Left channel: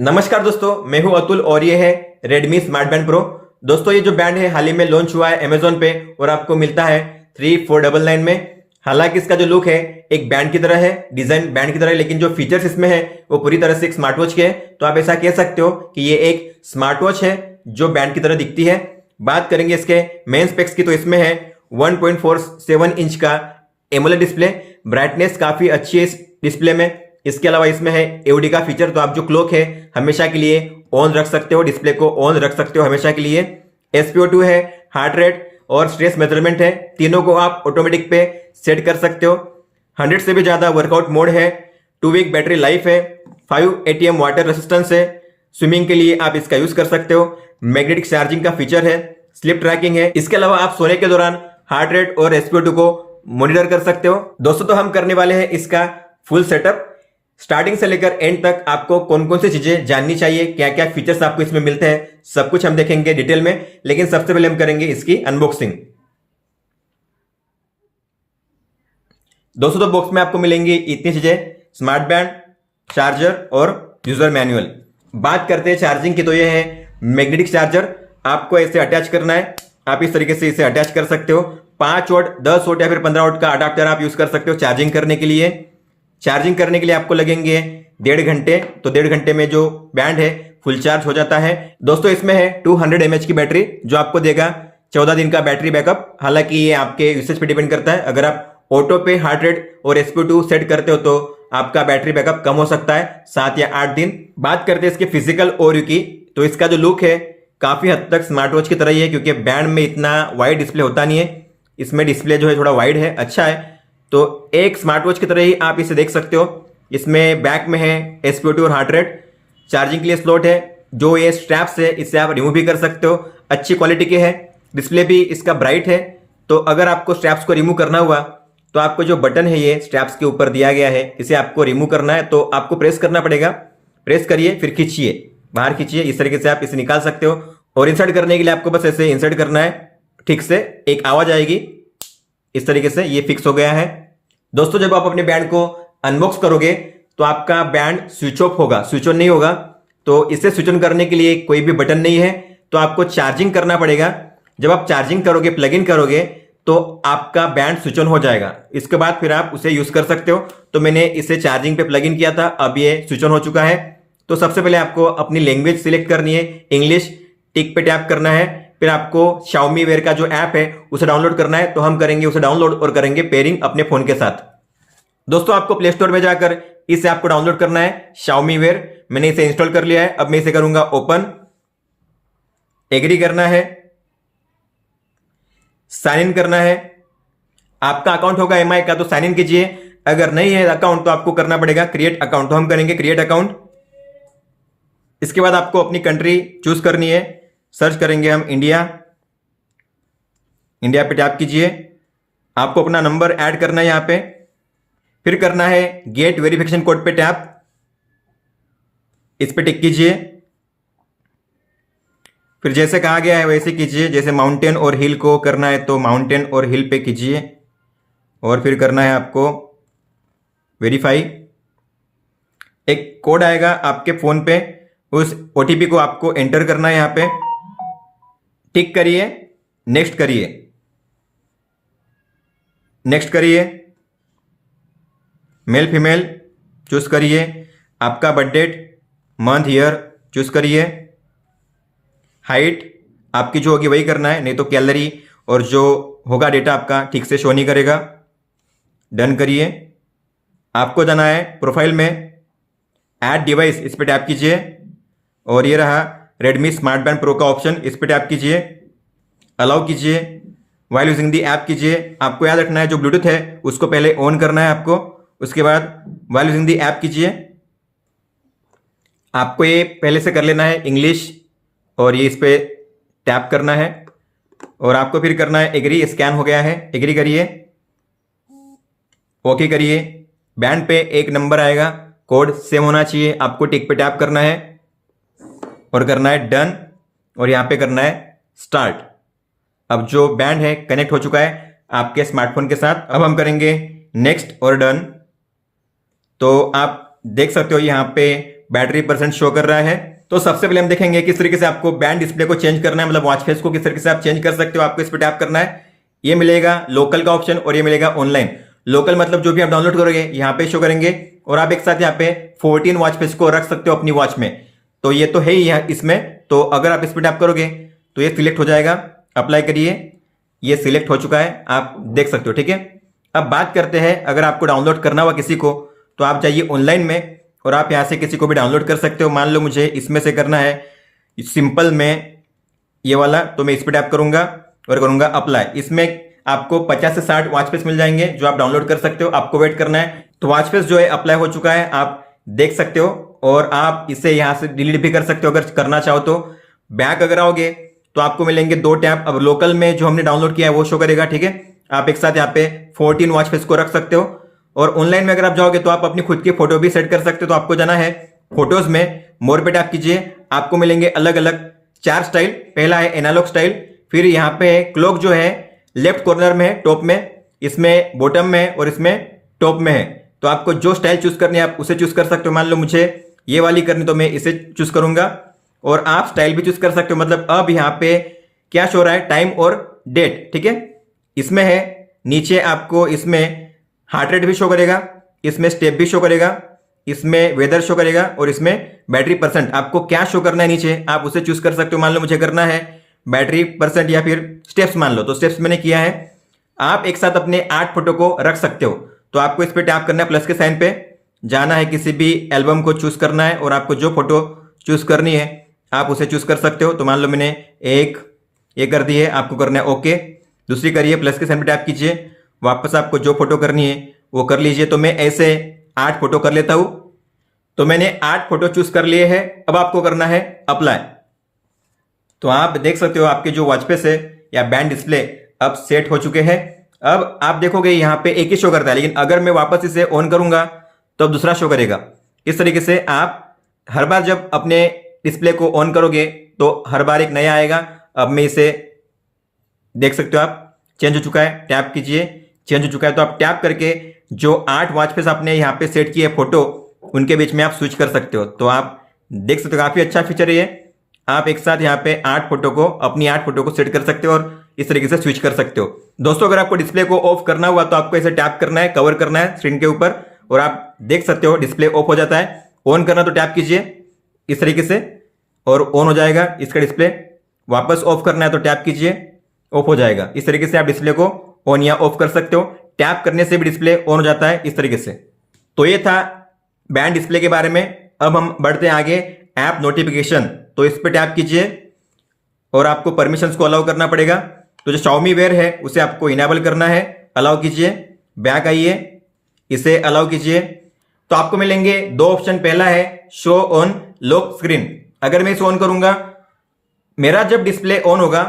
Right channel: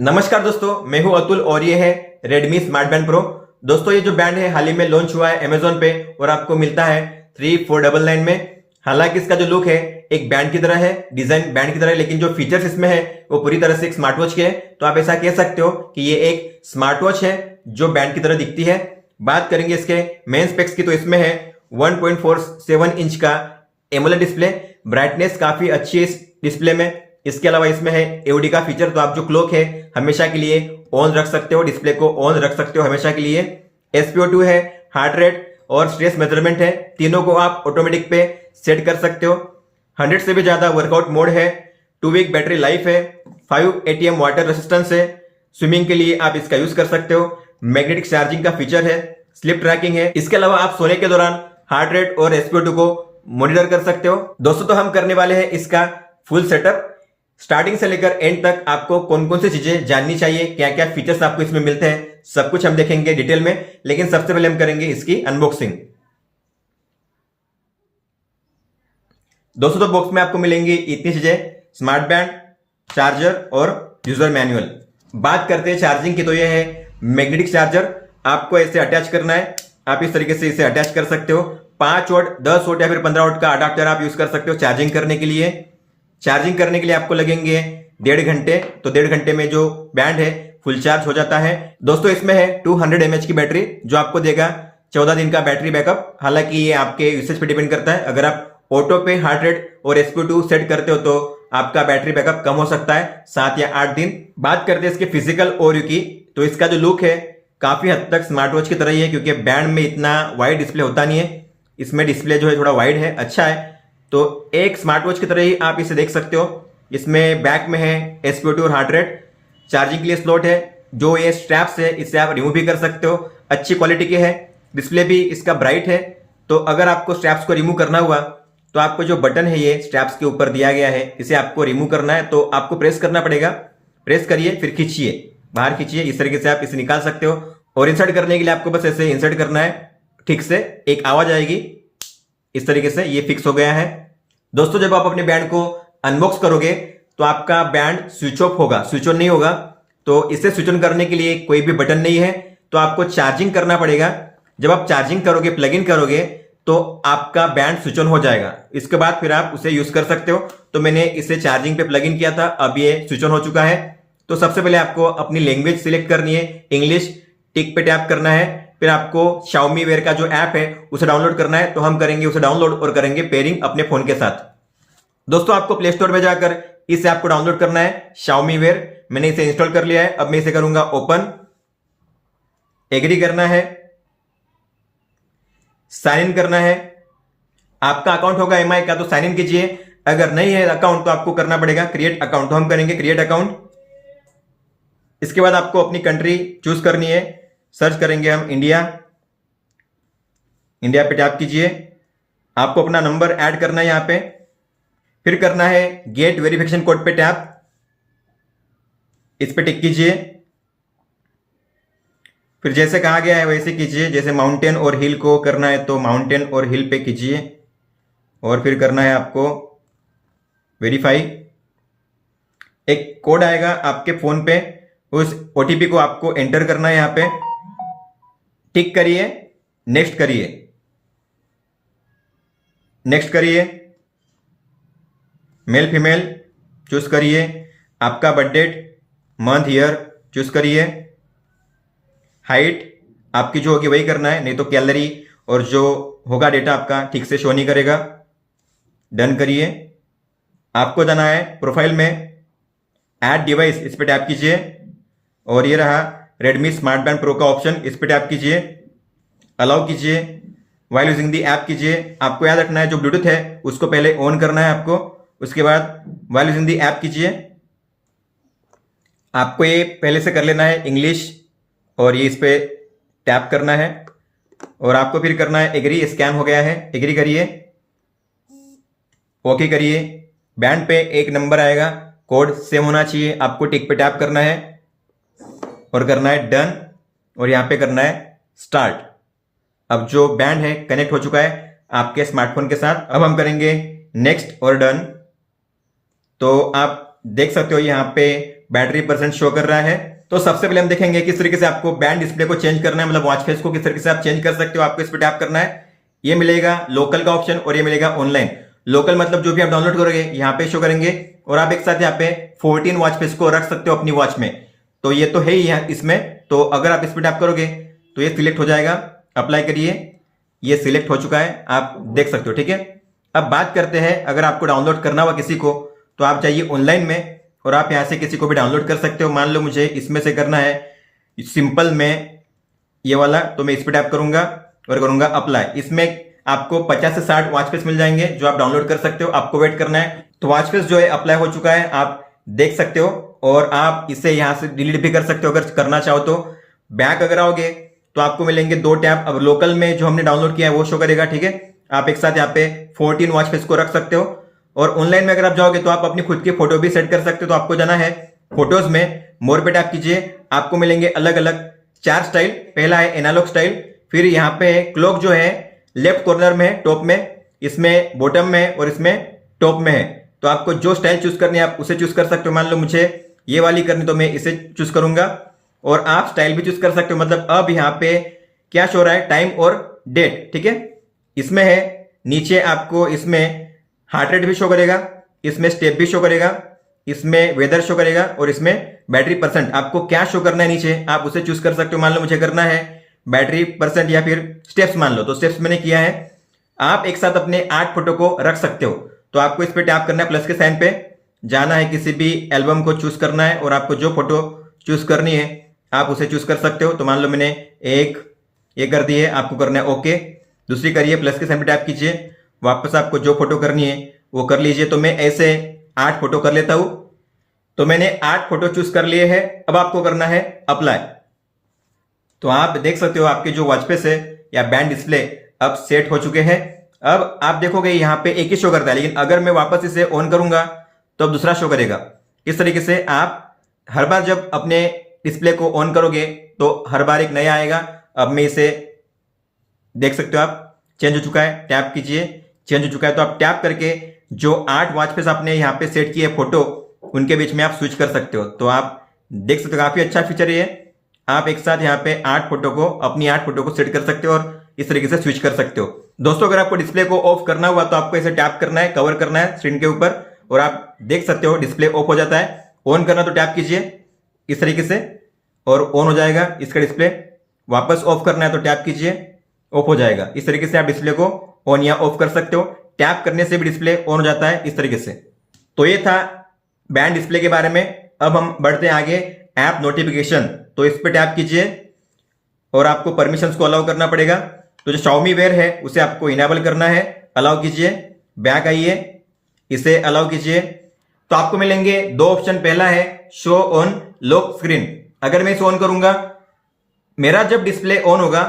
नमस्कार दोस्तों, मैं हूं अतुल और ये है Redmi स्मार्ट बैंड प्रो। दोस्तों, ये जो बैंड है हाल ही में लॉन्च हुआ है अमेजोन पे और आपको मिलता है 3499 में। हालांकि इसका जो लुक है एक बैंड की तरह है, डिजाइन बैंड की तरह है, लेकिन जो फीचर्स इसमें है वो पूरी तरह से एक स्मार्ट वॉच के है। तो आप ऐसा कह सकते हो कि ये एक स्मार्ट वॉच है जो बैंड की तरह दिखती है। बात करेंगे इसके मेन स्पेक्स की, तो इसमें है 1.47 इंच का एमोलेड डिस्प्ले। ब्राइटनेस काफी अच्छी है इस डिस्प्ले में। इसके अलावा इसमें है एओडी का फीचर, तो आप जो क्लॉक है हमेशा के लिए ऑन रख सकते हो, डिस्प्ले को ऑन रख सकते हो हमेशा के लिए। SpO2 है, हार्ट रेट और स्ट्रेस मेजरमेंट है, तीनों को आप ऑटोमेटिक पे सेट कर सकते हो। 100 से भी ज्यादा वर्कआउट मोड है, 2 वीक बैटरी लाइफ है, 5 ATM वाटर रेसिस्टेंस है। स्विमिंग के लिए आप इसका यूज कर सकते हो। मैग्नेटिक चार्जिंग का फीचर है, स्लिप ट्रैकिंग है। इसके अलावा आप सोने के दौरान हार्ट रेट और SpO2 को मॉनिटर कर सकते हो। दोस्तों, तो हम करने वाले हैं इसका फुल सेटअप। स्टार्टिंग से लेकर एंड तक आपको कौन कौन सी चीजें जाननी चाहिए, क्या क्या फीचर्स आपको इसमें मिलते हैं, सब कुछ हम देखेंगे डिटेल में। लेकिन सबसे पहले हम करेंगे इसकी अनबॉक्सिंग। दोस्तों, तो बॉक्स में आपको मिलेंगी इतनी चीजें: स्मार्ट बैंड, चार्जर और यूजर मैनुअल। बात करते हैं चार्जिंग की, तो ये है मैग्नेटिक चार्जर। आपको ऐसे अटैच करना है, आप इस तरीके से इसे अटैच कर सकते हो। 5 वॉट, 10 वॉट या फिर 15 वॉट का अडाप्टर आप यूज कर सकते हो चार्जिंग करने के लिए। चार्जिंग करने के लिए आपको लगेंगे 1.5 घंटे, तो 1.5 घंटे में जो बैंड है फुल चार्ज हो जाता है। दोस्तों, इसमें है 200 mAh की बैटरी जो आपको देगा 14 दिन का बैटरी बैकअप। हालांकि ये आपके यूसेज पे डिपेंड करता है। अगर आप ऑटो पे हार्ट रेट और SpO2 सेट करते हो तो आपका बैटरी बैकअप कम हो सकता है, 7 या 8 दिन। बात करते हैं इसके फिजिकल ओवरव्यू की, तो इसका जो लुक है काफी हद तक स्मार्ट वॉच की तरह ही है, क्योंकि बैंड में इतना वाइड डिस्प्ले होता नहीं है। इसमें डिस्प्ले जो है थोड़ा वाइड है, अच्छा है। तो एक स्मार्ट वॉच की तरह ही आप इसे देख सकते हो। इसमें बैक में है SpO2 और हार्ट रेट। चार्जिंग के लिए स्लॉट है, जो ये स्ट्रैप्स है इससे आप रिमूव भी कर सकते हो। अच्छी क्वालिटी के है, डिस्प्ले भी इसका ब्राइट है। तो अगर आपको स्ट्रैप्स को रिमूव करना हुआ तो आपको जो बटन है ये स्ट्रैप्स के ऊपर दिया गया है, इसे आपको रिमूव करना है तो आपको प्रेस करना पड़ेगा। प्रेस करिए, फिर खींचिए, बाहर खींचिए, इस तरीके से आप इसे निकाल सकते हो। और इंसर्ट करने के लिए आपको बस ऐसे इंसर्ट करना है, ठीक से एक आवाज आएगी, इस तरीके से ये फिक्स हो गया है। दोस्तों, जब आप अपने बैंड को अनबॉक्स करोगे तो आपका बैंड स्विच ऑफ होगा, स्विच ऑन नहीं होगा। तो इसे स्विच ऑन करने के लिए कोई भी बटन नहीं है, तो आपको चार्जिंग करना पड़ेगा। जब आप चार्जिंग करोगे, प्लग इन करोगे, तो आपका बैंड स्विच ऑन हो जाएगा। इसके बाद फिर आप उसे यूज कर सकते हो। तो मैंने इसे चार्जिंग पे प्लग इन किया था, अब ये स्विच ऑन हो चुका है। तो सबसे पहले आपको अपनी लैंग्वेज सिलेक्ट करनी है, इंग्लिश, टिक पे टैप करना है। फिर आपको Xiaomi Wear का जो ऐप है उसे डाउनलोड करना है, तो हम करेंगे उसे डाउनलोड और करेंगे पेयरिंग अपने फोन के साथ। दोस्तों, आपको प्ले स्टोर में जाकर इस ऐप को डाउनलोड करना है, Xiaomi Wear। मैंने इसे इंस्टॉल कर लिया है। अब मैं इसे करूंगा ओपन, एग्री करना है, साइन इन करना है। आपका अकाउंट होगा MI का तो साइन इन कीजिए, अगर नहीं है अकाउंट तो आपको करना पड़ेगा क्रिएट अकाउंट, तो हम करेंगे क्रिएट अकाउंट। इसके बाद आपको अपनी कंट्री चूज करनी है, सर्च करेंगे हम इंडिया। इंडिया पे टैप कीजिए, आपको अपना नंबर ऐड करना है यहां पे। फिर करना है गेट वेरिफिकेशन कोड पे टैप, इस पे टिक कीजिए। फिर जैसे कहा गया है वैसे कीजिए, जैसे माउंटेन और हिल को करना है तो माउंटेन और हिल पे कीजिए। और फिर करना है आपको वेरीफाई। एक कोड आएगा आपके फोन पे, उस OTP को आपको एंटर करना है यहां पे। टिक करिए, नेक्स्ट करिए, नेक्स्ट करिए। मेल फीमेल चूज करिए, आपका birth date, month, year choose करिए। हाइट आपकी जो होगी वही करना है, नहीं तो कैलोरी और जो होगा डेटा आपका ठीक से शो नहीं करेगा। डन करिए। आपको जाना है प्रोफाइल में, ऐड डिवाइस, इस पे टैप कीजिए। और ये रहा Redmi स्मार्ट बैंड प्रो का ऑप्शन, इस पे टैप कीजिए, अलाउ कीजिए, वाइल यूजिंग दी ऐप कीजिए। आपको याद रखना है जो ब्लूटूथ है उसको पहले ऑन करना है आपको, उसके बाद वाइल यूजिंग दी ऐप कीजिए। आपको ये पहले से कर लेना है इंग्लिश, और ये इस पे टैप करना है। और आपको फिर करना है एग्री, स्कैन हो गया है, एग्री करिए, ओके करिए। बैंड पे एक नंबर आएगा, कोड सेम होना चाहिए, आपको टिक पे टैप करना है और करना है डन, और यहां पे करना है स्टार्ट। अब जो बैंड है कनेक्ट हो चुका है आपके स्मार्टफोन के साथ। अब हम करेंगे नेक्स्ट और डन। तो आप देख सकते हो यहाँ पे बैटरी परसेंट शो कर रहा है। तो सबसे पहले हम देखेंगे किस तरीके से आपको बैंड डिस्प्ले को चेंज करना है, मतलब वॉच फेस को किस तरीके से आप चेंज कर सकते हो। आपको इस पर टैप करना है, ये मिलेगा लोकल का ऑप्शन और ये मिलेगा ऑनलाइन। लोकल मतलब जो भी आप डाउनलोड करोगे यहाँ पे शो करेंगे और आप एक साथ यहाँ पे 14 वॉच फेस को रख सकते हो अपनी वॉच में। तो ये तो है ही है इसमें। तो अगर आप इस पर टैप करोगे तो ये सिलेक्ट हो जाएगा। अप्लाई करिए, ये सिलेक्ट हो चुका है, आप देख सकते हो। ठीक है, अब बात करते हैं अगर आपको डाउनलोड करना हुआ किसी को तो आप जाइए ऑनलाइन में और आप यहाँ से किसी को भी डाउनलोड कर सकते हो। मान लो मुझे इसमें से करना है सिंपल में ये वाला, तो मैं इस पर टैप करूंगा और करूंगा अप्लाई। इसमें आपको 50 से 60 वॉच फेस मिल जाएंगे जो आप डाउनलोड कर सकते हो। आपको वेट करना है। तो वॉच फेस जो है अप्लाई हो चुका है, आप देख सकते हो और आप इसे यहां से डिलीट भी कर सकते हो अगर करना चाहो तो। बैक अगर आओगे तो आपको मिलेंगे 2 टैब। अब लोकल में जो हमने डाउनलोड किया है वो शो करेगा। ठीक है, आप एक साथ यहाँ पे 14 वॉच फेस को रख सकते हो। और ऑनलाइन में अगर आप जाओगे तो आप अपनी खुद की फोटो भी सेट कर सकते हो। तो आपको जाना है फोटोज में, मोर पे टैप कीजिए, आपको मिलेंगे अलग अलग 4 स्टाइल। पहला है एनालॉग स्टाइल, फिर यहाँ पे क्लॉक जो है लेफ्ट कॉर्नर में है, टॉप में, इसमें बॉटम में और इसमें टॉप में है। तो आपको जो स्टाइल चूज करनी है आप उसे चूज कर सकते हो। मान लो मुझे ये वाली करनी तो मैं इसे चूज करूंगा और आप स्टाइल भी चूज कर सकते हो। मतलब अब यहाँ पे क्या शो रहा है, टाइम और डेट। ठीक है, इसमें है नीचे आपको इसमें हार्ट रेट भी शो करेगा, इसमें स्टेप भी शो करेगा, इसमें वेदर शो करेगा और इसमें बैटरी परसेंट। आपको क्या शो करना है नीचे आप उसे चूज कर सकते हो। मान लो मुझे करना है बैटरी परसेंट या फिर स्टेप्स, मान लो तो स्टेप्स मैंने किया है। आप एक साथ अपने 8 फोटो को रख सकते हो। तो आपको इस पे टैप करना है, प्लस के साइन पे जाना है, किसी भी एल्बम को चूज करना है और आपको जो फोटो चूज करनी है आप उसे चूज कर सकते हो। तो मान लो मैंने एक ये कर दी है, आपको करना है ओके। दूसरी करिए, प्लस के साइन पे टैप कीजिए, वापस आपको जो फोटो करनी है वो कर लीजिए। तो मैं ऐसे 8 फोटो कर लेता हूं। तो मैंने 8 फोटो चूज कर लिए हैं। अब आपको करना है अप्लाई। तो आप देख सकते हो आपके जो वॉच फेस है या बैंड डिस्प्ले अब सेट हो चुके हैं। अब आप देखोगे यहाँ पे एक ही शो करता है, लेकिन अगर मैं वापस इसे ऑन करूंगा तो अब दूसरा शो करेगा। इस तरीके से आप हर बार जब अपने डिस्प्ले को ऑन करोगे तो हर बार एक नया आएगा। अब मैं इसे देख सकते हो आप चेंज हो चुका है, टैप कीजिए, चेंज हो चुका है। तो आप टैप करके जो 8 वॉच फेस आपने यहाँ पे सेट किए फोटो उनके बीच में आप स्विच कर सकते हो। तो आप देख सकते हो काफी अच्छा फीचर है ये। आप एक साथ यहाँ पे 8 फोटो को अपनी 8 फोटो को सेट कर सकते हो और इस तरीके से स्विच कर सकते हो। दोस्तों अगर आपको डिस्प्ले को ऑफ करना हुआ तो आपको इसे टैप करना है, कवर करना है स्क्रीन के ऊपर और आप देख सकते हो डिस्प्ले ऑफ हो जाता है। ऑन करना तो टैप कीजिए इस तरीके से और ऑन हो जाएगा इसका डिस्प्ले। वापस ऑफ करना है तो टैप कीजिए, ऑफ हो जाएगा। इस तरीके से आप डिस्प्ले को ऑन या ऑफ कर सकते हो। टैप करने से भी डिस्प्ले ऑन हो जाता है इस तरीके से। तो ये था बैंड डिस्प्ले के बारे में। अब हम बढ़ते हैं आगे, ऐप नोटिफिकेशन। तो इस पर टैप कीजिए और आपको परमिशंस को अलाउ करना पड़ेगा। तो जो Xiaomi Wear है उसे आपको इनेबल करना है, अलाउ कीजिए। बैक आइए, इसे अलाउ कीजिए। तो आपको मिलेंगे 2 ऑप्शन। पहला है शो ऑन लॉक स्क्रीन। अगर मैं इसे ऑन करूंगा, मेरा जब डिस्प्ले ऑन होगा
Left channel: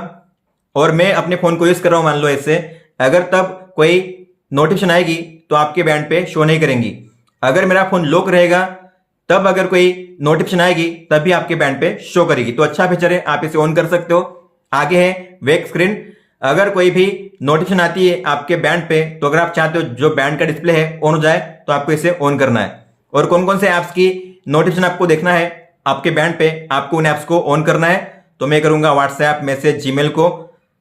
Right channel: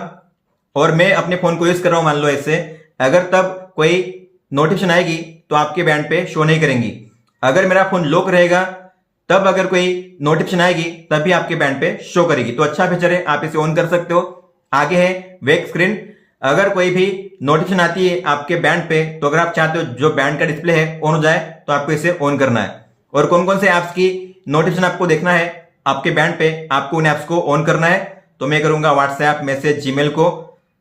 और मैं अपने फोन को यूज कर रहा हूं मान लो ऐसे, अगर तब कोई नोटिफिकेशन आएगी तो आपके बैंड पे शो नहीं करेंगी। अगर मेरा फोन लॉक रहेगा तब अगर कोई नोटिफिकेशन आएगी तभी आपके बैंड पे शो करेगी। तो अच्छा फीचर है, आप इसे ऑन कर सकते हो। आगे है वेक स्क्रीन। अगर कोई भी नोटिफिकेशन आती है आपके बैंड पे तो अगर आप चाहते हो जो बैंड का डिस्प्ले है ऑन हो जाए तो आपको इसे ऑन करना है। और कौन कौन से ऐप्स की नोटिफिकेशन आपको देखना है आपके बैंड पे, आपको उन ऐप्स को ऑन करना है। तो मैं करूंगा व्हाट्सएप, मैसेज, जीमेल को,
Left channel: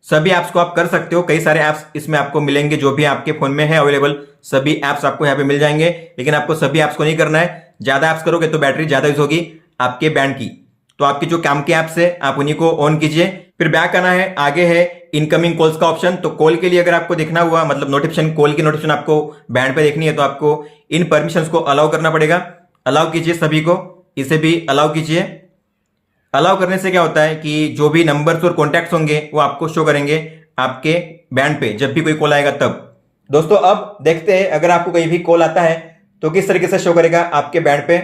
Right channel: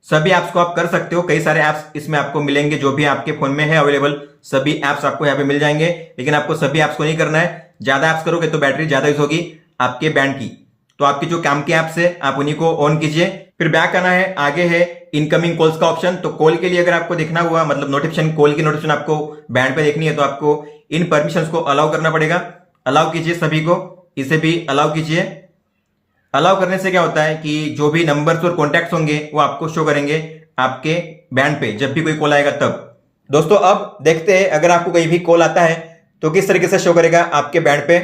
सभी ऐप्स को आप कर सकते हो। कई सारे ऐप्स इसमें आपको मिलेंगे जो भी आपके फोन में है अवेलेबल, सभी ऐप्स आपको यहाँ पे मिल जाएंगे। लेकिन आपको सभी ऐप्स को नहीं करना है, ज्यादा ऐप्स करोगे तो बैटरी ज्यादा यूज होगी आपके बैंड की। तो आपकी जो काम के ऐप्स है आप उन्हीं को ऑन कीजिए। फिर बैक आना है, आगे है इनकमिंग कॉल्स का ऑप्शन। तो कॉल के लिए अगर आपको देखना हुआ, मतलब नोटिफिकेशन, कॉल की नोटिफिकेशन आपको बैंड पे देखनी है तो आपको इन परमिशंस को अलाउ करना पड़ेगा। अलाउ कीजिए सभी को, इसे भी अलाउ कीजिए। अलाउ करने से क्या होता है कि जो भी नंबर्स और कॉन्टैक्ट्स होंगे वो आपको शो करेंगे आपके बैंड पे जब भी कोई कॉल आएगा तब। दोस्तों अब देखते हैं अगर आपको कहीं भी कॉल आता है तो किस तरीके से शो करेगा आपके बैंड पे।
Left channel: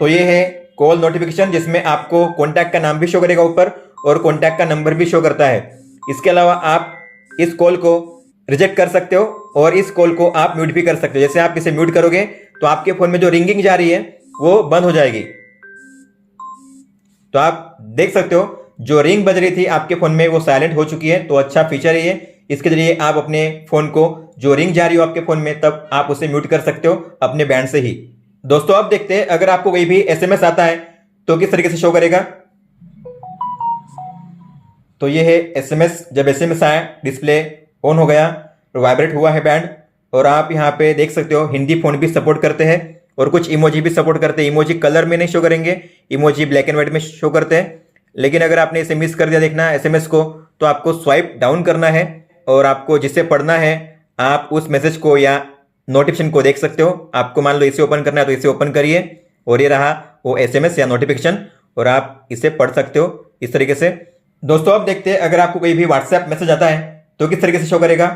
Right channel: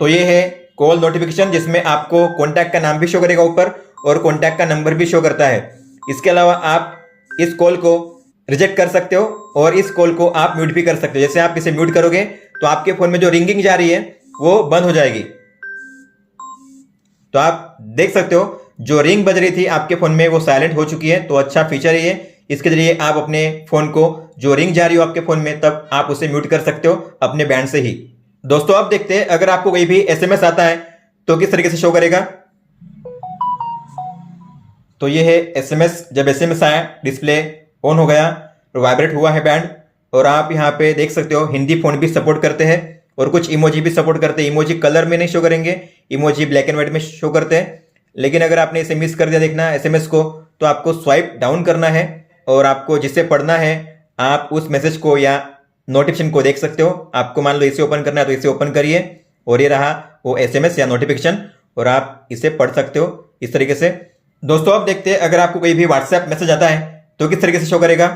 तो ये है कॉल नोटिफिकेशन जिसमें आपको कॉन्टैक्ट का नाम भी शो करेगा ऊपर और कॉन्टैक्ट का नंबर भी शो करता है। इसके अलावा आप इस कॉल को रिजेक्ट कर सकते हो और इस कॉल को आप म्यूट भी कर सकते हो। जैसे आप इसे म्यूट करोगे तो आपके फोन में जो रिंगिंग जा रही है वो बंद हो जाएगी। तो आप देख सकते हो जो रिंग बज रही थी आपके फोन में वो साइलेंट हो चुकी है। तो अच्छा फीचर है ये। इसके जरिए आप अपने फोन को जो रिंग जा रही हो आपके फोन में तब आप उसे म्यूट कर सकते हो अपने बैंड से ही। दोस्तों अब देखते हैं अगर आपको कोई भी एसएमएस आता है तो किस तरीके से शो करेगा। तो ये है एसएमएस। जब एसएमएस आया डिस्प्ले ऑन हो गया और वाइब्रेट हुआ है बैंड, और आप यहाँ पे देख सकते हो हिंदी फोन भी सपोर्ट करते हैं और कुछ इमोजी भी सपोर्ट करते हैं। इमोजी कलर में नहीं शो करेंगे, इमोजी ब्लैक एंड व्हाइट में शो करते हैं। लेकिन अगर आपने इसे मिस कर दिया देखना एसएमएस को, तो आपको स्वाइप डाउन करना है और आपको जिसे पढ़ना है आप उस मैसेज को या नोटिफिकेशन को देख सकते हो। आपको मान लो इसे ओपन करना है तो इसे ओपन करिए और ये रहा वो एसएमएस या नोटिफिकेशन, और आप इसे पढ़ सकते हो इस तरीके से। दोस्तों अब देखते हैं अगर आपको कोई भी व्हाट्सएप मैसेज आता है तो किस तरीके से शो करेगा।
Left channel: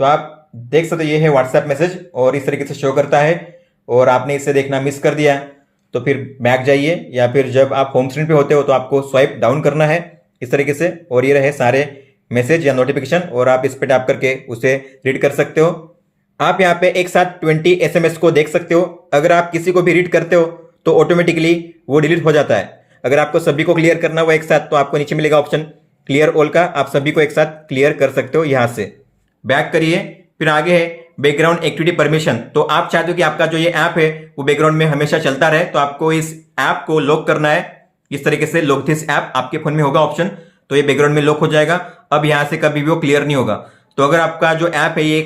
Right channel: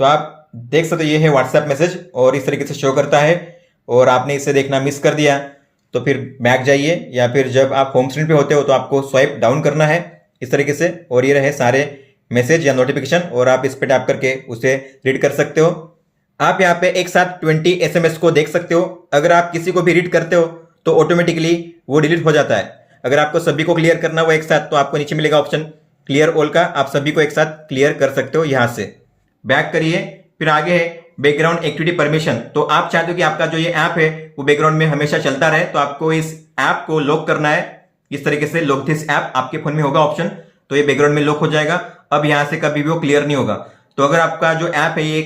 तो आप देख सकते हो ये है व्हाट्सएप मैसेज और इस तरीके से शो करता है। और आपने इसे देखना मिस कर दिया तो फिर बैक जाइए, या फिर जब आप होम स्क्रीन पे होते हो तो आपको स्वाइप डाउन करना है इस तरीके से, और ये रहे सारे मैसेज या नोटिफिकेशन, और आप इस पे टैप करके उसे रीड कर सकते हो। आप यहाँ पे एक साथ 20 एसएमएस को देख सकते हो। अगर आप किसी को भी रीड करते हो तो ऑटोमेटिकली वो डिलीट हो जाता है। अगर आपको सभी को क्लियर करना हो एक साथ तो आपको नीचे मिलेगा ऑप्शन क्लियर ऑल का, आप सभी को एक साथ क्लियर कर सकते हो। यहां से बैक करिए, फिर आगे है बैकग्राउंड एक्टिविटी परमिशन। तो आप चाहते हो कि आपका जो ये ऐप है वो बैकग्राउंड में हमेशा चलता रहे, तो आपको इस ऐप को लॉक करना है इस तरीके से। लॉक दिस ऐप आपके फोन में होगा ऑप्शन, तो ये बैकग्राउंड में लॉक हो जाएगा। अब यहां से कभी भी वो क्लियर नहीं होगा। तो अगर आपका जो ऐप है ये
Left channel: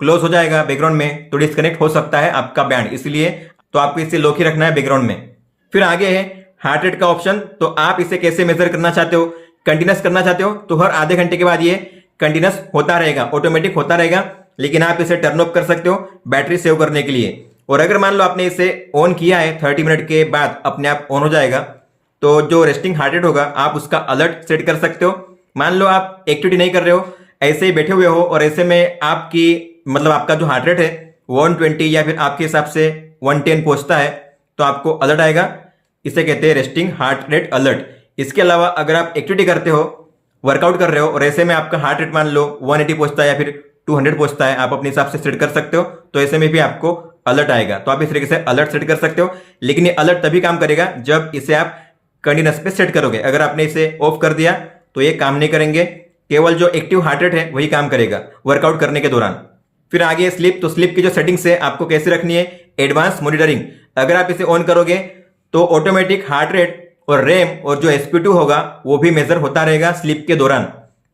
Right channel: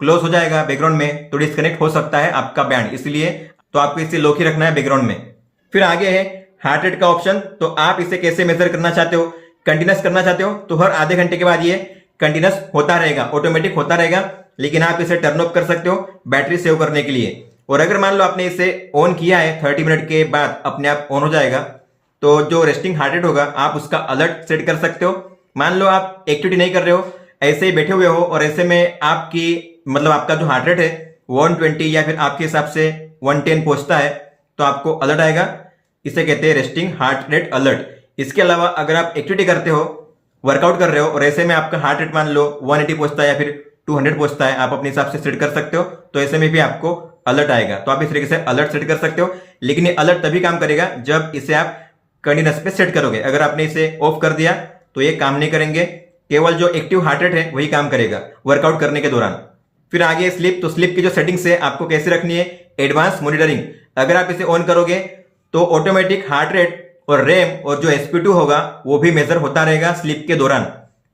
क्लोज हो जाएगा बैकग्राउंड में तो डिस्कनेक्ट हो सकता है आपका बैंड, इसलिए तो आपको इसे लॉक ही रखना है बैकग्राउंड में। फिर आगे है हार्ट रेट का ऑप्शन। तो आप इसे कैसे मेजर करना चाहते हो, कंटिन्यूस करना चाहते हो तो हर आधे घंटे के बाद ये कंटिन्यूस होता रहेगा, ऑटोमेटिक होता रहेगा। लेकिन आप इसे टर्न ऑफ कर सकते हो बैटरी सेव करने के लिए। और अगर मान लो आपने इसे ऑन किया है 30 मिनट के बाद अपने आप ऑन हो जाएगा, तो जो रेस्टिंग हार्ट रेट होगा आप उसका अलर्ट सेट कर सकते हो। मान लो आप एक्टिविटी नहीं कर रहे हो, ऐसे ही बैठे हुए हो, और ऐसे में आपकी मतलब आपका जो हार्ट रेट है 120 या फिर आपके हिसाब से 110 पहुंचता है, तो आपको अलर्ट आएगा। इसे कहते हैं रेस्टिंग हार्ट रेट अलर्ट। इसके अलावा अगर आप एक्टिविटी करते हो, वर्कआउट कर रहे हो, और ऐसे में आपका हार्ट रेट मान लो 180 पहुंचता है या फिर 200 पहुंचता है, आप अपने हिसाब से सेट कर सकते हो, तो ऐसे में भी आपको अलर्ट आएगा। तो आप इस तरीके से अलर्ट सेट कर सकते हो। लेकिन ये अलर्ट तभी काम करेगा जब इसे आप कंटिन्यूस पे सेट करोगे। अगर आपने इसे ऑफ कर दिया तो ये काम नहीं करेंगे, केवल जो एक्टिव हार्ट रेट है वही काम करेगा वर्कआउट करने के दौरान। फिर आगे स्लीप। तो स्लीप की जो सेटिंग्स है आपको कैसे रखनी है, एडवांस मॉनिटरिंग। अगर आप इसे ऑन करोगे तो ऑटोमेटिक हार्ट रेट और रैम और जो sp2 होगा वो भी मेजर होता रहेगा स्लीप के दौरान।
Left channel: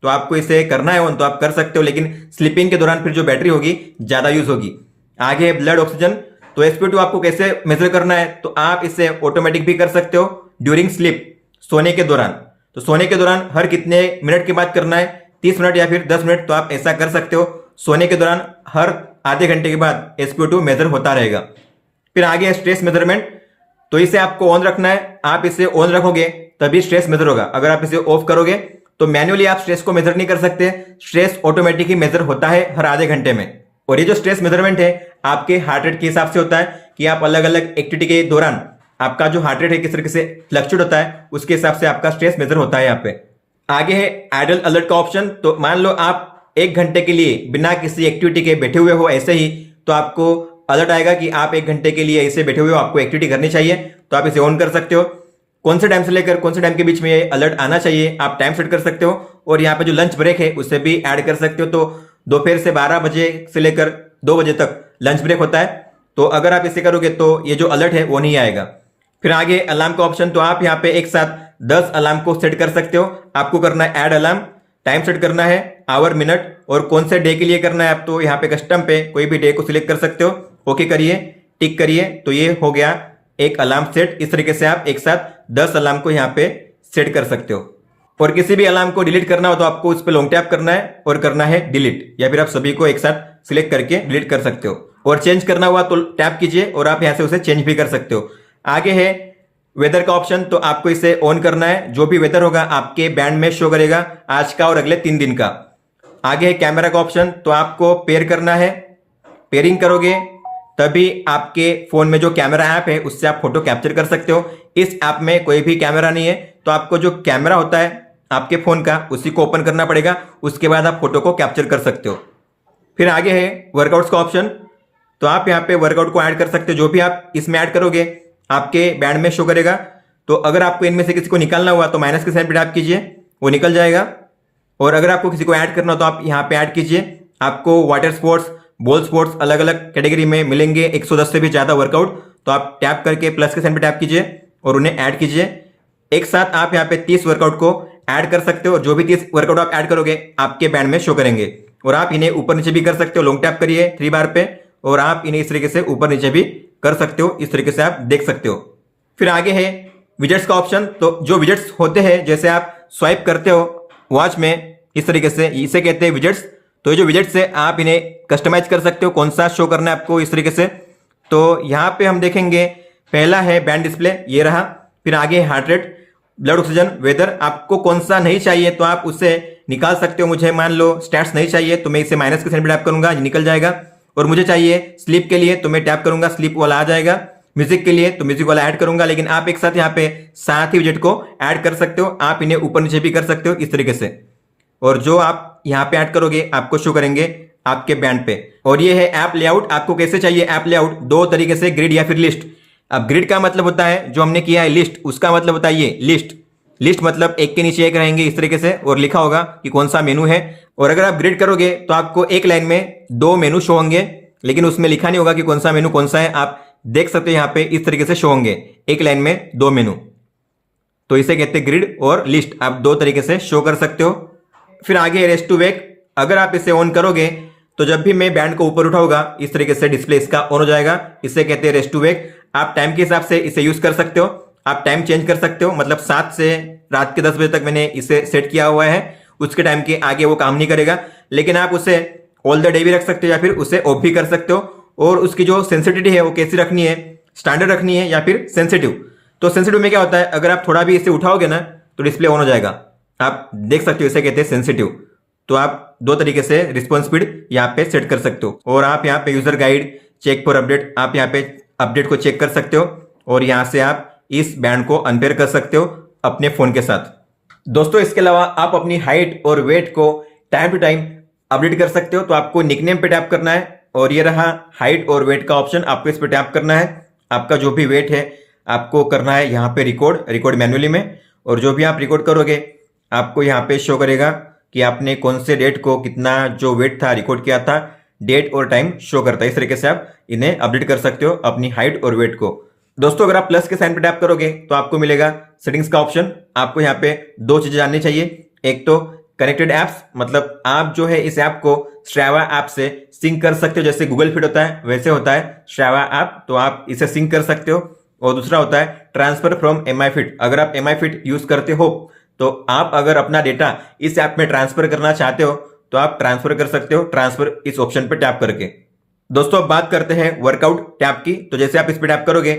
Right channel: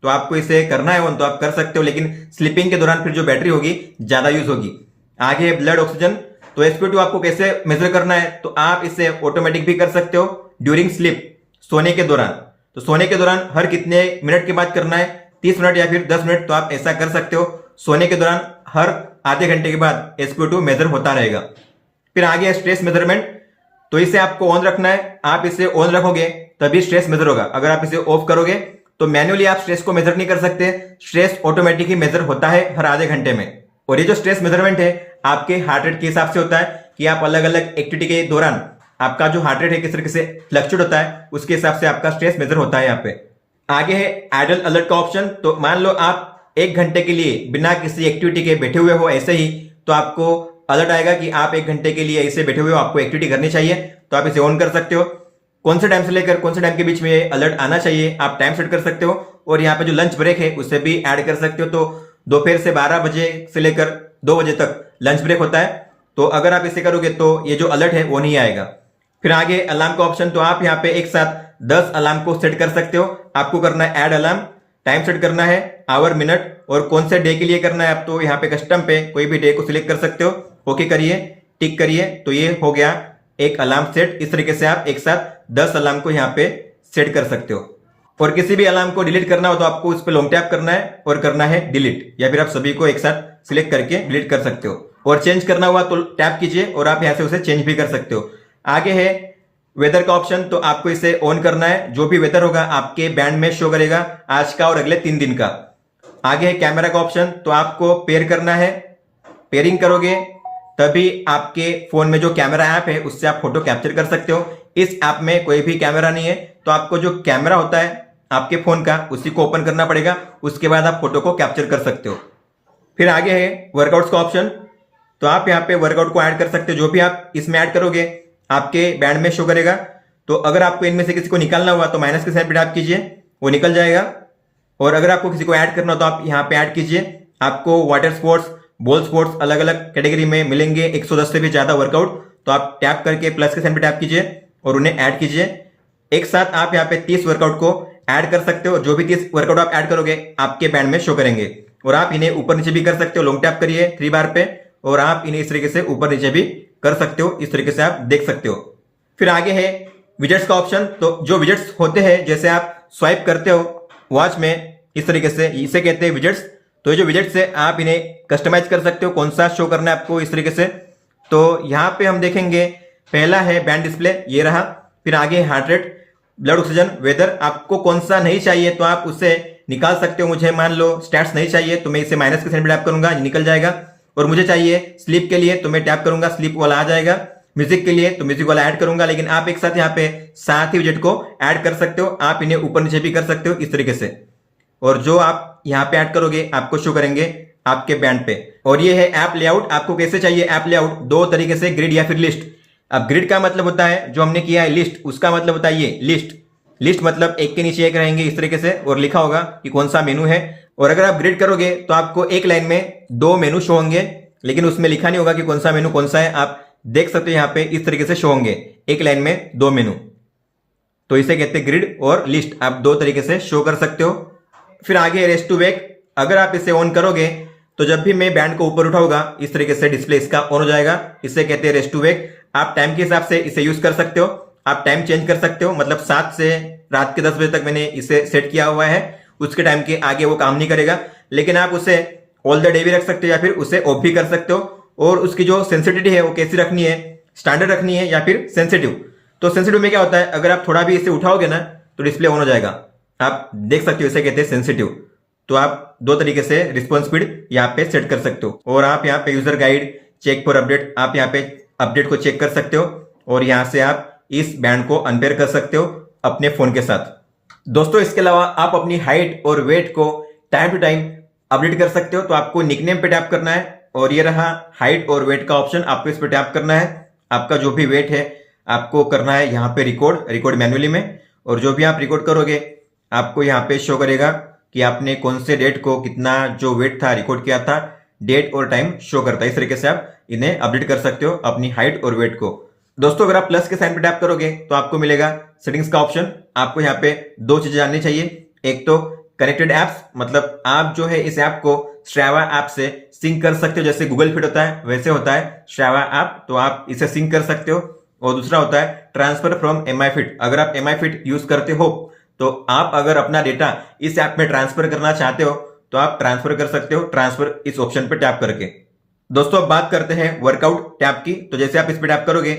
तो आपको इसे करना है ऑन तो आप कर सकते हो, लेकिन स्लीपिंग के दौरान फिर जो बैटरी होगी ज्यादा यूज होगी। आगे ब्लड ऑक्सीजन। तो sp2 आपको कैसे मेजर करना है, तो आप इसे ऑटोमेटिक भी कर सकते हो ड्यूरिंग स्लीप, सोने के दौरान। तो सोने के दौरान हर कितने मिनट के बाद करना है, 30 मिनट या फिर 10 मिनट, तो आप ऐसा कर सकते हो। सोने के दौरान हर आधे घंटे के बाद sp2 मेजर होता रहेगा। फिर आगे स्ट्रेस मेजरमेंट। तो इसे आपको ऑन रखना है, आप इसे ऑन रखोगे तभी स्ट्रेस मेजर होगा। अगर आप इसे ऑफ करोगे तो मैन्युअली आप स्ट्रेस को मेजर नहीं कर सकते, स्ट्रेस ऑटोमेटिक ही मेजर होता है हर आधे घंटे में। और ये जो स्ट्रेस मेजरमेंट है आपके हार्ट रेट के हिसाब से होता है कि आप अलग अलग एक्टिविटी के दौरान आपका जो हार्ट रेट है किस तरीके से फ्लक्चुएट होता है, उसके हिसाब से आपका स्ट्रेस मेजर होता है यहाँ पे। आगे है आइडल अलर्ट का ऑप्शन। तो मान लो आप 1 घंटे के लिए बिना किसी एक्टिविटी के बैठे हुए हो ऐसे ही, तो आपको अलर्ट आएगा कि आप 1 घंटे के लिए ऐसे बैठे हुए हो, आपको एक्टिविटी करनी चाहिए, तो आप इसे ऑन कर सकते हो। कौन से टाइम से लेकर कौन से टाइम के बीच में ये अलर्ट आना चाहिए आप टाइम सेट कर सकते हो। और यहाँ पे जो लंच ब्रेक है उसे भी ऐड कर सकते हो। तो दोपहर से 12 बजे से लेकर 2 बजे तक लंच ब्रेक होता है, तो अगर आप इसे करोगे तो ये जो अलर्ट है वो नहीं आएगा। फिर आगे अलार्म का ऑप्शन। तो आप यहाँ पे एक साथ 10 अलार्म को सेट कर सकते हो। आपको करना है ऐड अलार्म, टाइम सेट करना है आवर मिनट, और कौन से डे के लिए करना है आप तो यहाँ पे कस्टम पे कोई भी डे को सिलेक्ट कर सकते हो। ओके करिए, टिक करिए, तो ये हो गया एक अलार्म सेट। इस तरीके से आप एक साथ 10 अलार्म को यहाँ पे सेट कर सकते हो। और किसी भी अलार्म को डिलीट करना हो तो आपको उस पर लॉन्ग टैप करना है और करना है डिलीट, या फिर आप सभी को एक साथ सिलेक्ट करके डिलीट कर सकते हो। और चेंज करना हुआ तो टैप कीजिए और आप यहाँ से उसे चेंज भी कर सकते हो। आगे है वेदर का ऑप्शन। तो आपको इसे ऑन करना है, जो भी वेदर होगा आपके बैंड में शो करेगा आज का और अगले 3 दिन का। आगे है कैमरा का ऑप्शन। तो आपको पेयर करना है, पेयरिंग करोगे तभी आपके फोन में जो कैमरा ऐप है उससे आप फोटो कैप्चर कर सकते हो। इस ऐप में कोई भी कैमरा नहीं है, तो आपको जो कैमरा होता है आपके फोन का उसी को ओपन करना पड़ेगा, उसके बाद आप फोटो को कैप्चर कर सकते हो। फिर आगे है वर्कआउट्स का ऑप्शन। तो आप यहाँ पे वर्कआउट को ऐड कर सकते हो, जो भी आप इसमें ऐड करोगे आपके बैंड में शो करेगा। तो अगर आपको इनमें से किसी को निकालना हुआ तो माइनस के साइन पे टैप कीजिए, वो निकल जाएगा। और अगर आपको किसी को ऐड करना हो तो आप यहाँ पे ऐड कीजिए। आपको वाटर स्पोर्ट्स, बॉल स्पोर्ट्स अलग अलग कैटेगरी में मिलेंगे 110 से भी ज़्यादा वर्कआउट। तो आप टैप करके प्लस के साइन पे टैप कीजिए और उन्हें ऐड कीजिए। एक साथ आप यहाँ पे 30 वर्कआउट को ऐड कर सकते हो और जो भी 30 वर्कआउट आप ऐड करोगे आपके बैंड में शो करेंगे। और आप इन्हें ऊपर नीचे भी कर सकते हो, लॉन्ग टैप करिए 3 बार पे और आप इन्हें इस तरीके से ऊपर नीचे भी कर सकते हो। इस तरीके से आप देख सकते हो। फिर आगे है विजेट्स का ऑप्शन। तो जो विजेट्स होते हैं, जैसे आप स्वाइप करते हो वॉच में इस तरीके से, इसे कहते हैं विजेट्स। तो ये जो विजेट्स है आप इन्हें कस्टमाइज कर सकते हो, कौन सा शो करना है आपको इस तरीके से। तो यहाँ पे हम देखेंगे पहला है बैंड डिस्प्ले, ये रहा। फिर आगे heart rate, blood oxygen, weather. आपको कौन सा नहीं चाहिए तो आप उससे निकाल सकते हो। मुझे मान लो स्टैट्स नहीं चाहिए तो मैं इसे माइनस के साइन पे टैप करूंगा, निकल जाएगा। और मुझे चाहिए स्लीप के लिए तो मैं टैप करूंगा, स्लीप वाला आ जाएगा। म्यूजिक के लिए तो म्यूजिक वाला ऐड करूंगा। लेकिन आप एक साथ यहाँ पे 7 ही विजेट को ऐड कर सकते हो। आप इन्हें ऊपर नीचे भी कर सकते हो इस तरीके से। और जो आप यहाँ पे ऐड करोगे आपको शो करेंगे आपके बैंड पे। और ये है ऐप लेआउट। आपको कैसे चाहिए ऐप लेआउट? 2 तरीके से, ग्रिड या फिर लिस्ट। अब ग्रिड का मतलब होता है जो हमने किया है लिस्ट, उसका मतलब होता है ये लिस्ट। लिस्ट मतलब एक के नीचे एक रहेंगे इस तरीके से और लिखा होगा कि कौन सा मेनू है। और अगर आप ग्रिड करोगे तो आपको एक लाइन में 2 मेनू शो होंगे, लेकिन उसमें लिखा नहीं होगा कि कौन सा मेनू कौन सा है। आप देख सकते हो यहाँ पे इस तरीके से शो होंगे, एक लाइन में 2 मेनू। तो इसे कहते हैं ग्रिड और लिस्ट। आप 2 तरीके से शो कर सकते हो। फिर आगे रेस्ट टू वेक। अगर आप इसे ऑन करोगे तो जब भी मैं बैंड को ऊपर उठाऊंगा इस तरीके से डिस्प्ले इसका ऑन हो जाएगा। इसे कहते हैं रेस्ट टू वेक। आप टाइम के हिसाब से इसे यूज कर सकते हो। आप टाइम चेंज कर सकते हो, मतलब 7 से रात के 10 बजे तक मैंने इसे सेट किया हुआ है। उसके टाइम के आगे वो काम नहीं करेगा। लेकिन आप उसे ऑल द डे भी रख सकते हो या फिर उसे ऑफ भी कर सकते हो। और उसकी जो सेंसिटिविटी है वो कैसी रखनी है, स्टैंडर्ड रखनी है या फिर सेंसिटिव। तो सेंसिटिव में क्या होता है, अगर आप थोड़ा भी इसे उठाओगे ना तो डिस्प्ले ऑन हो जाएगा। आप देख सकते हो, इसे कहते हैं सेंसिटिव। तो आप 2 तरीके से रिस्पॉन्स स्पीड यहाँ पे सेट कर सकते हो। और आप यहाँ पे user guide, check for update, आप यहाँ पे अपडेट को चेक कर सकते हो। और यहाँ से आप इस बैंड को अनपेयर कर सकते हो अपने फोन के साथ। दोस्तों इसके अलावा आप अपनी हाइट और वेट को टाइम टू टाइम अपडेट कर सकते हो। तो आपको निकनेम पे टैप करना है और ये रहा हाइट और वेट का ऑप्शन, आपको इस पे टैप करना है। आपका जो भी वेट है आपको करना है यहाँ पे रिकॉर्ड मैन्युअली में। और जो भी आप रिकॉर्ड करोगे आपको यहाँ पे शो करेगा कि आपने कौन से डेट को कितना जो वेट था रिकॉर्ड किया था, डेट और टाइम शो करता है। इस तरीके से आप इन्हें अपडेट कर सकते हो अपनी हाइट और वेट को। दोस्तों अगर आप प्लस के साइन पे टैप करोगे तो आपको मिलेगा सेटिंग्स का ऑप्शन। आपको यहाँ पे 2 चीजें जाननी चाहिए। एक तो कनेक्टेड एप्स, मतलब आप जो है इस ऐप को स्ट्रावा ऐप से सिंक कर सकते हो। जैसे गूगल फिट होता है वैसे होता है स्ट्रावा ऐप, तो आप इसे सिंक कर सकते हो। और दूसरा होता है ट्रांसफर फ्रॉम एमआई फिट। अगर आप एमआई फिट यूज करते हो तो आप अगर अपना डेटा इस ऐप में ट्रांसफर करना चाहते हो तो आप ट्रांसफर कर सकते हो, ट्रांसफर इस ऑप्शन पे टैप करके। दोस्तों अब बात करते हैं वर्कआउट टैप की। तो जैसे आप इस पे टैप करोगे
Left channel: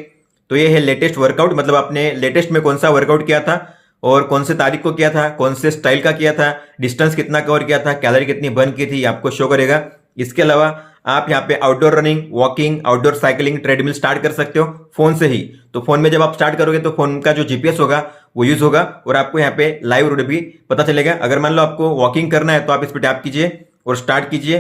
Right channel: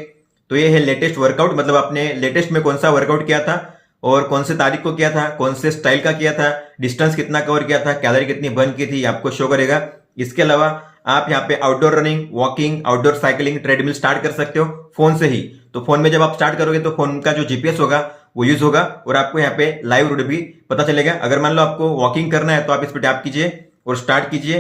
तो ये है लेटेस्ट वर्कआउट, मतलब आपने लेटेस्ट में कौन सा वर्कआउट किया था और कौन से तारीख को किया था, कौन से स्टाइल का किया था, डिस्टेंस कितना कवर किया था, कैलोरी कितनी बर्न की थी, आपको शो करेगा। इसके अलावा आप यहाँ पे outdoor running, walking, outdoor cycling, treadmill start कर सकते हो फोन से ही। तो फोन में जब आप स्टार्ट करोगे तो फोन का जो जीपीएस होगा वो यूज होगा और आपको यहाँ पे लाइव रूट भी पता चलेगा। अगर मान लो आपको वॉकिंग करना है तो आप इस पे टैप कीजिए और स्टार्ट कीजिए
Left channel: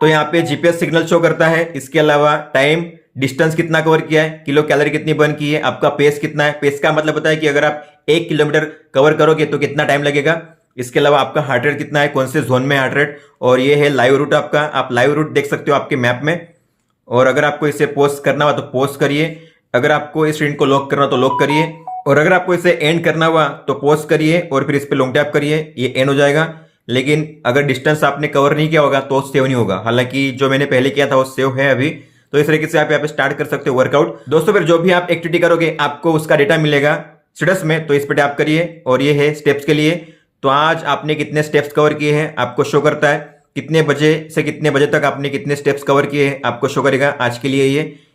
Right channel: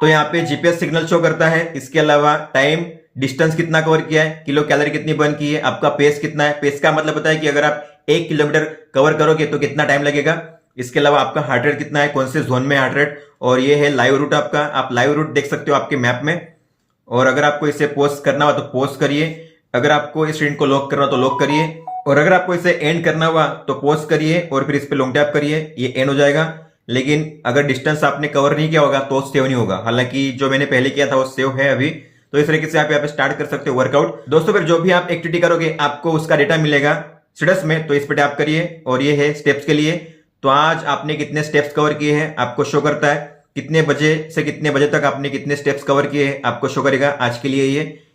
तो यहाँ पे जीपीएस सिग्नल शो करता है। इसके अलावा टाइम, डिस्टेंस कितना कवर किया है, किलो कैलोरी कितनी बर्न की है, आपका पेस कितना है। पेस का मतलब होता है कि अगर आप 1 किलोमीटर कवर करोगे तो कितना टाइम लगेगा। इसके अलावा आपका हार्ट रेट कितना है, कौन से जोन में हार्ट रेट। और ये है लाइव रूट आपका, आप लाइव रूट देख सकते हो आपके मैप में। और अगर आपको इसे पोस्ट करना हो तो पोस्ट करिए, अगर आपको इस स्क्रीन को लॉक करना हो तो लॉक करिए, और अगर आपको इसे एंड करना हुआ तो पोस्ट करिए और फिर इस पे लॉन्ग टैप करिए, ये एंड हो जाएगा। लेकिन अगर डिस्टेंस आपने कवर नहीं किया होगा तो सेव नहीं होगा। हालांकि जो मैंने पहले किया था वो सेव है अभी। तो इस तरीके से आप यहाँ पे स्टार्ट कर सकते हो वर्कआउट। दोस्तों फिर जो भी आप एक्टिविटी करोगे आपको उसका डेटा मिलेगा स्टेटस में, तो इस पे टैप करिए और ये है स्टेप्स के लिए। तो आज आपने कितने स्टेप्स कवर किए हैं आपको शो करता है, कितने बजे से कितने बजे तक आपने कितने स्टेप्स कवर किए हैं आपको शो करेगा। आज के लिए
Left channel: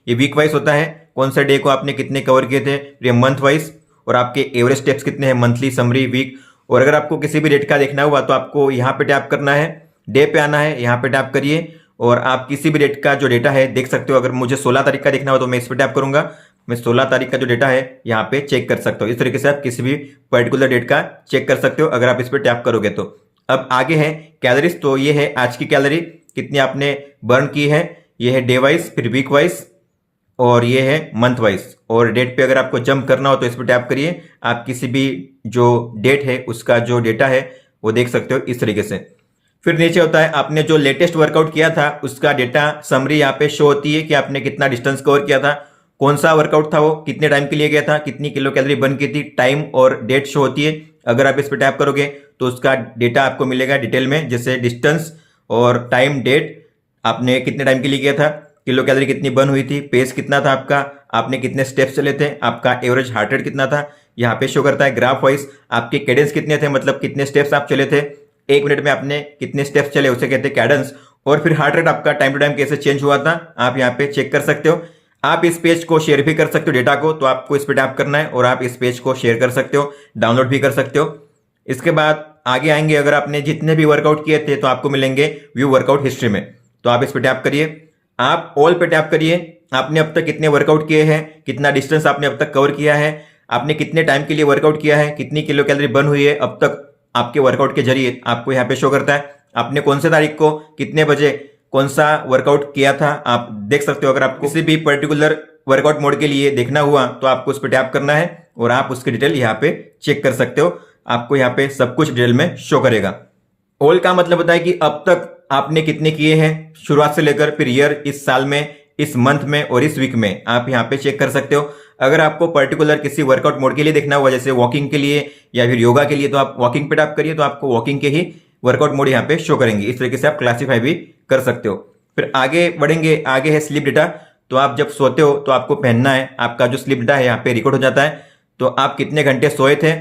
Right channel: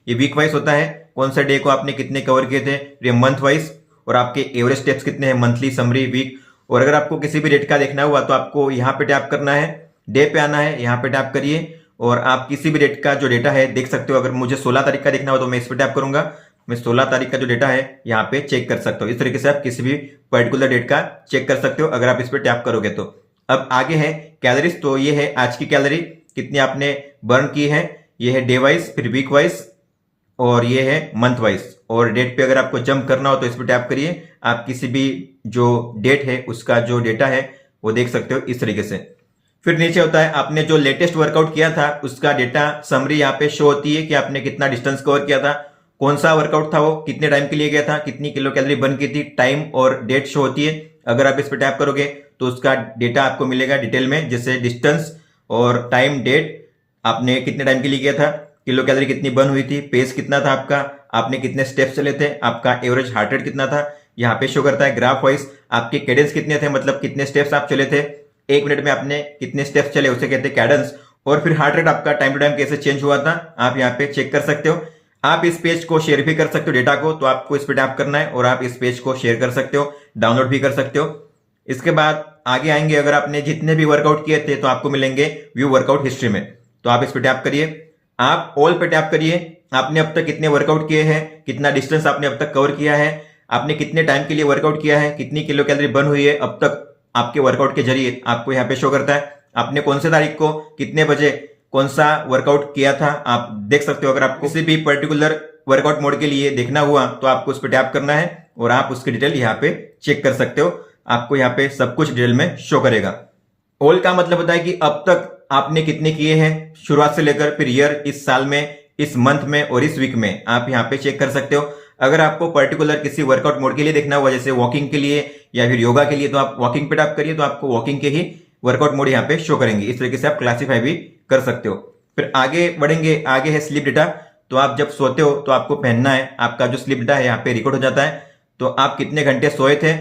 ये वीक वाइज होता है, कौन सा डे को आपने कितने कवर किए थे, ये मंथ वाइज, और आपके एवरेज स्टेप्स कितने हैं, मंथली, समरी, वीक। और अगर आपको किसी भी डेट का देखना हुआ तो आपको यहाँ पे टैप करना है, डे पे आना है, यहाँ पे टैप करिए और आप किसी भी डेट का जो डेटा है देख सकते हो। अगर मुझे 16 तारीख का देखना हो तो मैं इस पर टैप करूंगा, मैं 16 तारीख का जो डेटा है यहाँ पे चेक कर सकता हूँ। इस तरीके से आप किसी भी पर्टिकुलर डेट का चेक कर सकते हो अगर आप इस पर टैप करोगे तो। अब आगे है कैलोरीज। तो ये है आज की कैलोरी कितनी आपने बर्न की है, ये है डे वाइज, फिर वीक वाइज और ये है मंथ वाइज। और डेट पे अगर आपको जंप करना हो तो इस पर टैप करिए, आप किसी भी जो डेट है उसका जो डेटा है वो देख सकते हो इस तरीके से। फिर नीचे होता है आपने जो लेटेस्ट वर्कआउट किया था उसका डेटा समरी यहाँ पे शो होती है कि आपने कितना डिस्टेंस कवर किया था, कौन सा वर्कआउट था वो, कितने टाइम के लिए गया था, कितनी किलो कैलोरी बर्न की थी, टाइम और डेट शो होती है। अगर आप इस पर टैप करोगे तो उसका डेटा आपको मिलेगा डिटेल में, जैसे डिस्टेंस और टाइम, डेट, आपने कितने टाइम के लिए किया था, किलो कैलोरी कितनी बर्न हुई थी, पेस कितना था आपका, आपने कितने स्टेप्स चले थे, आपका एवरेज हार्ट रेट कितना था, यहाँ पे शो करता है। ग्राफ वाइज आपके कैडेंस कितने थे, मतलब कितने स्टेप्स आप चले थे, 1 मिनट में आपने कितने स्टेप्स चले उसे कहते हैं कैडेंस। और फिर हार्ट रेट आपका टाइम टू टाइम कैसे चेंज हुआ था आप यहाँ पे चेक कर सकते हो। आप इस पेज को शेयर भी कर सकते हो डेटा को, तो आपको इस पर टैप करना है और आप इस पेज को शेयर कर सकते हो, डाउनलोड भी कर सकते हो। इसके बाद आगे आएंगे, अगर आपने जितने भी वर्कआउट किए थे तो आपको मिलेंगे व्यू वर्कआउट हिस्ट्री में, तो आप इस पर टैप करिए, आप ऑल पे टैप करिए। आपने अब तक कितने वर्कआउट किए हैं, कितना डिस्टेंस आपने अब तक कवर किया है, आपने कितने टाइम के लिए वर्कआउट किया है, कितनी किलो कैलोरी बर्न हुई है अब तक आपके वर्कआउट के जरिए, आपको यहाँ पे शो करता है। आपने कौन से तारीख को कितने बजे कौन सा वर्कआउट किया था आप देख सकते हो। अगर आपको किसी भी पर्टिकुलर वर्कआउट मोड के लिए देखना हुआ तो आपको उस पर टैप करना है और आप उसकी डिटेल यहाँ पे चेक कर सकते हो, आपको यहाँ पे सब कुछ डिटेल में शो करेगा। ऑल का मतलब होता है कि अब तक आपने कितने किए हैं शुरुआत से लेकर, फिर ईयर, इस साल में, इस मंथ में और इस वीक में, आप यहाँ पे चेक कर सकते हो। अगर आपको पर्टिकुलर किसी वर्कआउट मोड के लिए देखना हुआ, जैसे वॉकिंग के लिए या फिर योगा के लिए, तो आप वॉकिंग पे टैप करिए, तो आपको वॉकिंग के ही वर्कआउट मोड यहाँ पे शो करेंगे। इस तरीके से आप क्लासीफाई भी कर सकते हो। फिर आगे बढ़ेंगे, आगे है स्लीप डेटा। तो आप जब सोते हो तो आपको पहनना है, आपका जो स्लीप डेटा है यहाँ पे रिकॉर्ड हो जाता है। तो आप कितने घंटे सोए थे,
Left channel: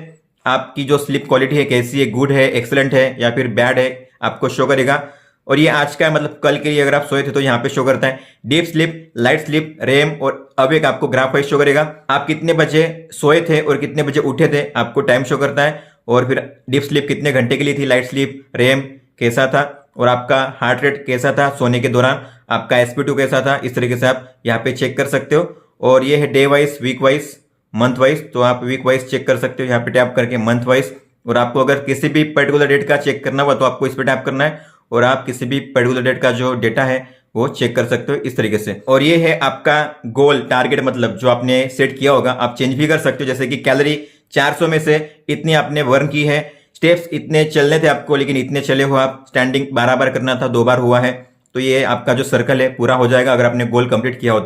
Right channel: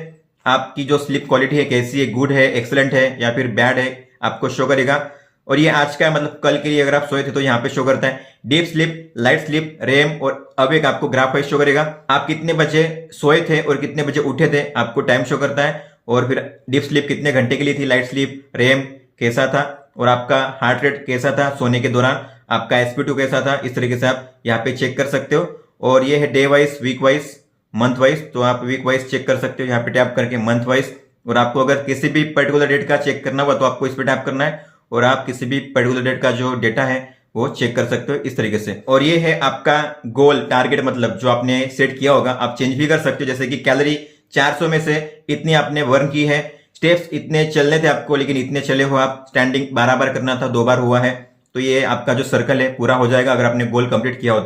आपकी जो स्लीप क्वालिटी है कैसी है, गुड है, एक्सलेंट है या फिर बैड है, आपको शो करेगा। और ये आज का है, मतलब कल के लिए अगर आप सोए थे तो यहाँ पे शो करता है। Deep sleep, light sleep, REM और अवेक आपको ग्राफ वाइज शो करेगा। आप कितने बजे सोए थे और कितने बजे उठे थे आपको टाइम शो करता है। और फिर डीप स्लीप कितने घंटे के लिए थी, लाइट स्लीप, रेम कैसा था और आपका हार्ट रेट कैसा था सोने के दौरान, आपका SP2 कैसा था। इस तरीके से आप यहाँ पे चेक कर सकते हो। और ये है day wise, week wise, month wise, तो आप वीक वाइज चेक कर सकते हो यहाँ पे टैप करके, मंथ वाइज। और आपको अगर किसी भी पर्टिकुलर डेट का चेक करना हुआ तो आपको इस पर टैप करना है और आप किसी भी पर्टिकुलर डेट का जो डेटा है वो चेक कर सकते हो इस तरीके से। और ये है आपका गोल, टारगेट, मतलब जो आपने सेट किया होगा आप चेंज भी कर सकते हो। जैसे कि कैलोरी 400 में से इतनी आपने बर्न की है, स्टेप्स इतने चलने थे आपको लेकिन इतने चले हो आप, स्टैंडिंग 12 बार करना था, 2 बार हुआ है, तो ये आपका जो सर्कल है पूरा हो जाएगा अगर आपने गोल कंप्लीट किया हो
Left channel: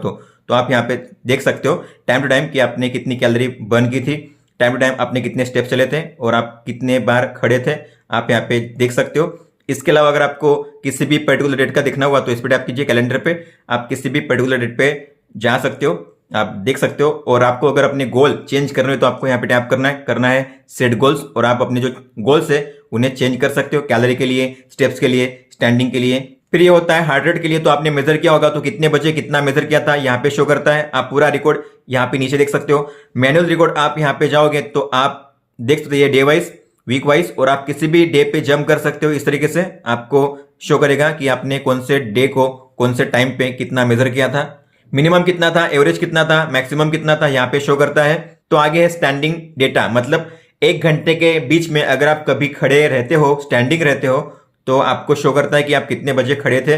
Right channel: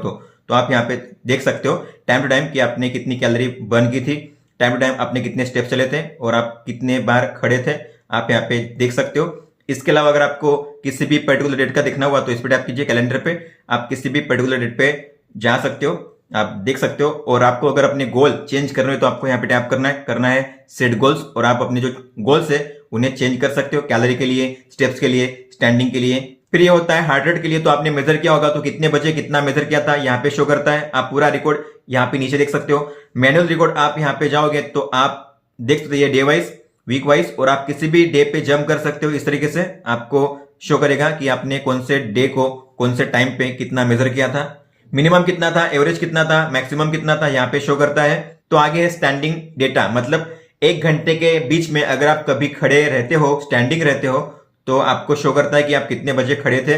तो आप यहाँ पे देख सकते हो टाइम टू टाइम कि आपने कितनी कैलोरी बर्न की थी, टाइम टू टाइम आपने कितने स्टेप चले थे और आप कितने बार खड़े थे, आप यहाँ पे देख सकते हो। इसके अलावा अगर आपको किसी भी पर्टिकुलर डेट का देखना हुआ तो इस पर टैप कीजिए, कैलेंडर पे आप किसी भी पर्टिकुलर डेट पे जा सकते हो, आप देख सकते हो। और आपको अगर अपने गोल चेंज करने हो तो आपको यहाँ पे टैप करना है सेट गोल्स, और आप अपने जो गोल्स है उन्हें चेंज कर सकते हो, कैलोरी के लिए, स्टेप्स के लिए, स्टैंडिंग के लिए। फिर ये होता है हार्ट रेट के लिए, तो आपने मेजर किया होगा तो कितने बजे कितना मेजर किया था यहाँ पे शो करता है, आप पूरा रिकॉर्ड यहाँ पे नीचे देख सकते हो। मैनुअल रिकॉर्ड आप यहाँ पे जाओगे तो आप देख सकते हो डे वाइज, वीक वाइज, और आप किसी भी डे पे जंप कर सकते हो। इस तरीके से आपको शो करेगा कि आपने कौन से डे को कौन से टाइम पे कितना मेजर किया था, मिनिमम कितना था, एवरेज कितना था, मैक्सिमम कितना था, यहाँ पे शो करता है। तो आगे है स्टैंडिंग डेटा, मतलब 1 घंटे के बीच में अगर आप कभी खड़े रहते हो, स्टैंडिंग रहते हो, तो आपको शो करता है कि आप कितने बजे खड़े थे।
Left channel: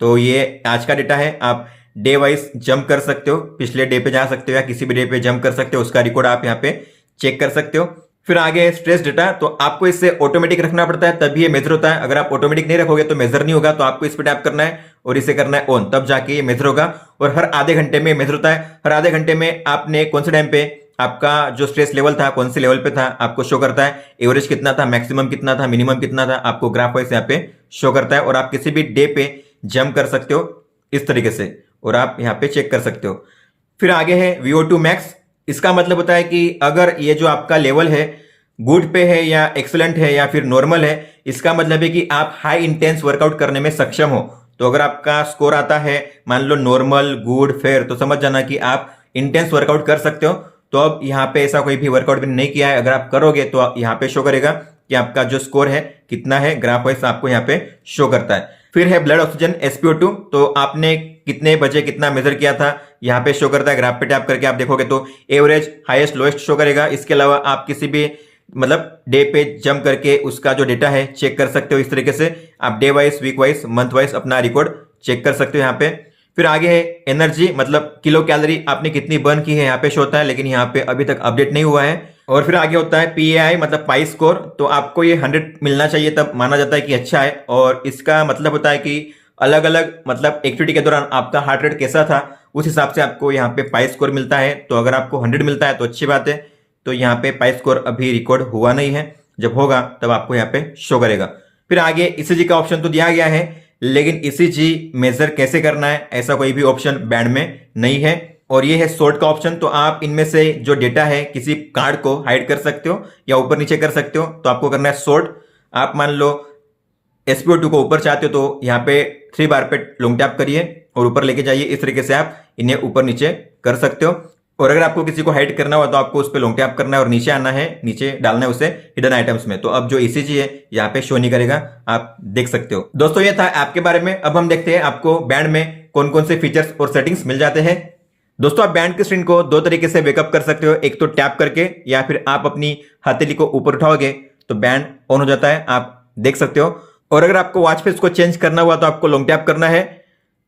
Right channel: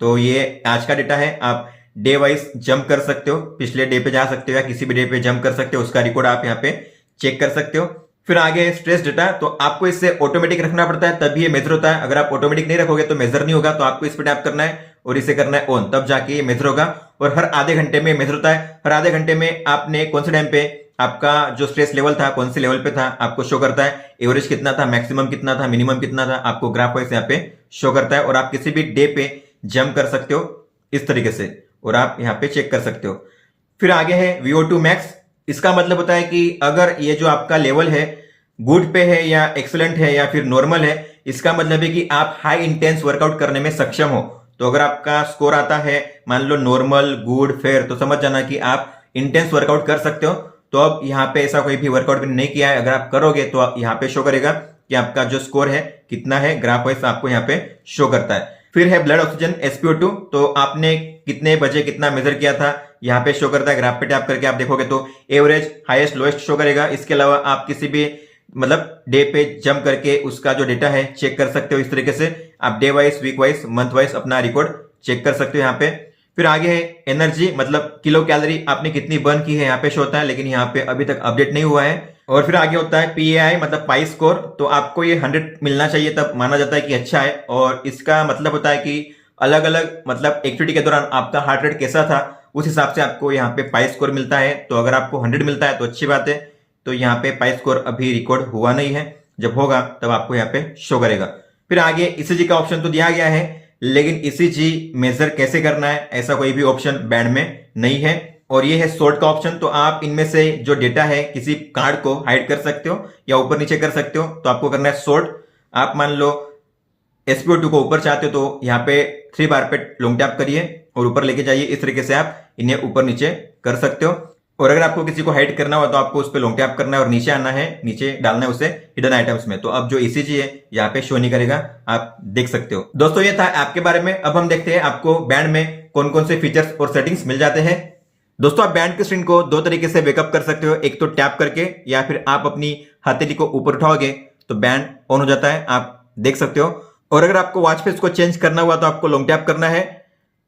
तो ये आज का डेटा है, आप डे वाइज जंप कर सकते हो, पिछले डे पे जा सकते हो या किसी भी डे पे जंप कर सकते हो, उसका रिकॉर्ड आप यहाँ पे चेक कर सकते हो। फिर आगे स्ट्रेस डेटा, तो आपको इससे ऑटोमेटिक रखना पड़ता है तभी ये मेजर होता है। अगर आप ऑटोमेटिक नहीं रखोगे तो मेजर नहीं होगा, तो आपको इस पे टैप करना है और इसे करना है ऑन, तब जाके ये मेजर होगा। और हर आधे घंटे में मेजर होता है, हर आधे घंटे में आपने कौन से टाइम पे आपका जो स्ट्रेस लेवल था कौन से लेवल पे था आपको शो करता है, एवरेज कितना था, मैक्सिमम कितना था, मिनिमम कितना था, आपको ग्राफ वाइज यहाँ पे शो करता है। और आप किसी भी डे पे जंप कर सकते हो इस तरीके से, और आप यहाँ पे चेक कर सकते हो। फिर आगे है VO2 मैक्स, इसका मतलब होता है कि अगर ये जो आपका लेवल है गुड पे है या एक्सलेंट है या फिर नॉर्मल है, इसका मतलब है कि आप हाई इंटेंस वर्कआउट करने में सक्षम हो। तो अगर आपका स्कोर आता है मान लो नॉर्मल, गुड, फेयर, तो समझ जाना कि आप इंटेंस वर्कआउट कर सकते हो। तो अब यहाँ पे ऐसा कोई भी वर्कआउट भी नहीं किया है, अगर आप करोगे तो यहाँ पे शो करेगा कि आपका जो स्कोर है कितना है, ग्राफ वाइज आपको यहाँ पे शो करता है। फिर है ब्लड ऑक्सीजन SpO2, तो आपने कितने बजे कितना मेजर किया था यहाँ पे शो करता है। ग्राफ पे टैप करके आप देखोगे तो एवरेज, हाईएस्ट, लोएस्ट शो करेगा। इसके अलावा आप किसी भी मतलब डे पे जंप करके उसका जो डेटा है चेक कर सकते हो। इस तरीके से आप day wise, week wise, month wise अपना रिकॉर्ड चेक कर सकते हो यहाँ पे। फिर आगे है एनर्जी, मतलब किलो कैलोरी आपने कितनी बर्न की है यहाँ पे शो होता है, लेकिन यहाँ पे अभी तक अपडेट नहीं हुआ है। और फिर आगे होता है PAI, मतलब पाई स्कोर। तो आपको ये 100 मिलना चाहिए, तब माना जाता है कि अच्छा है। और इसका मतलब होता है कि अलग अलग मतलब एक्टिविटी के दौरान आपका हार्ट रेट कैसा था, उस हिसाब से आपको यहाँ पे पाई स्कोर मिलता है। तो अगर आपको 100 मिलता है तो अच्छी बात है। तो यहाँ पे पाई स्कोर अभी रिकॉर्ड हुआ नहीं है, जब होगा तब आपको यहाँ पे शो करेगा। फिर आगे ECG का ऑप्शन तो दिया गया है, लेकिन ECG मेजर कैसे करना है ऐसा कोई भी ऑप्शन बैंड में नहीं है। और ये है सॉर्ट का ऑप्शन। तो आप इनमें से जो डेटा है किसी कार्ड को हाइड कर सकते हो या ऊपर नीचे कर सकते हो। तो आपको करना है सॉर्ट। आप मान लो SpO2 को ऊपर चाहते हो तो यहाँ पे 3 बार पे लॉन्ग टैप करिए और ऊपर लेके जाइए। इस तरीके से आप इन्हें ऊपर नीचे कर सकते हो। और अगर आपको किसी को हाइड करना हो तो आपको उस पर लॉन्ग टैप करना है और नीचे आना है, नीचे डालना है उसे हिडन आइटम्स में। तो अब जो ECG है यहाँ पे शो नहीं करेगा, आप देख सकते हो। दोस्तों ये था ऐप के बारे में। अब हम देखते हैं आपको बैंड में कौन कौन से फीचर्स और सेटिंग्स मिल जाते हैं। दोस्तों आप बैंड की स्क्रीन को 2 तरीके से वेकअप कर सकते हो, एक तो टैप करके या फिर आप अपनी हथेली को ऊपर उठाओगे तो बैंड ऑन हो जाता है, आप देख सकते हो। और अगर आपको वॉच फेस को चेंज करना हुआ तो आपको लॉन्ग टैप करना है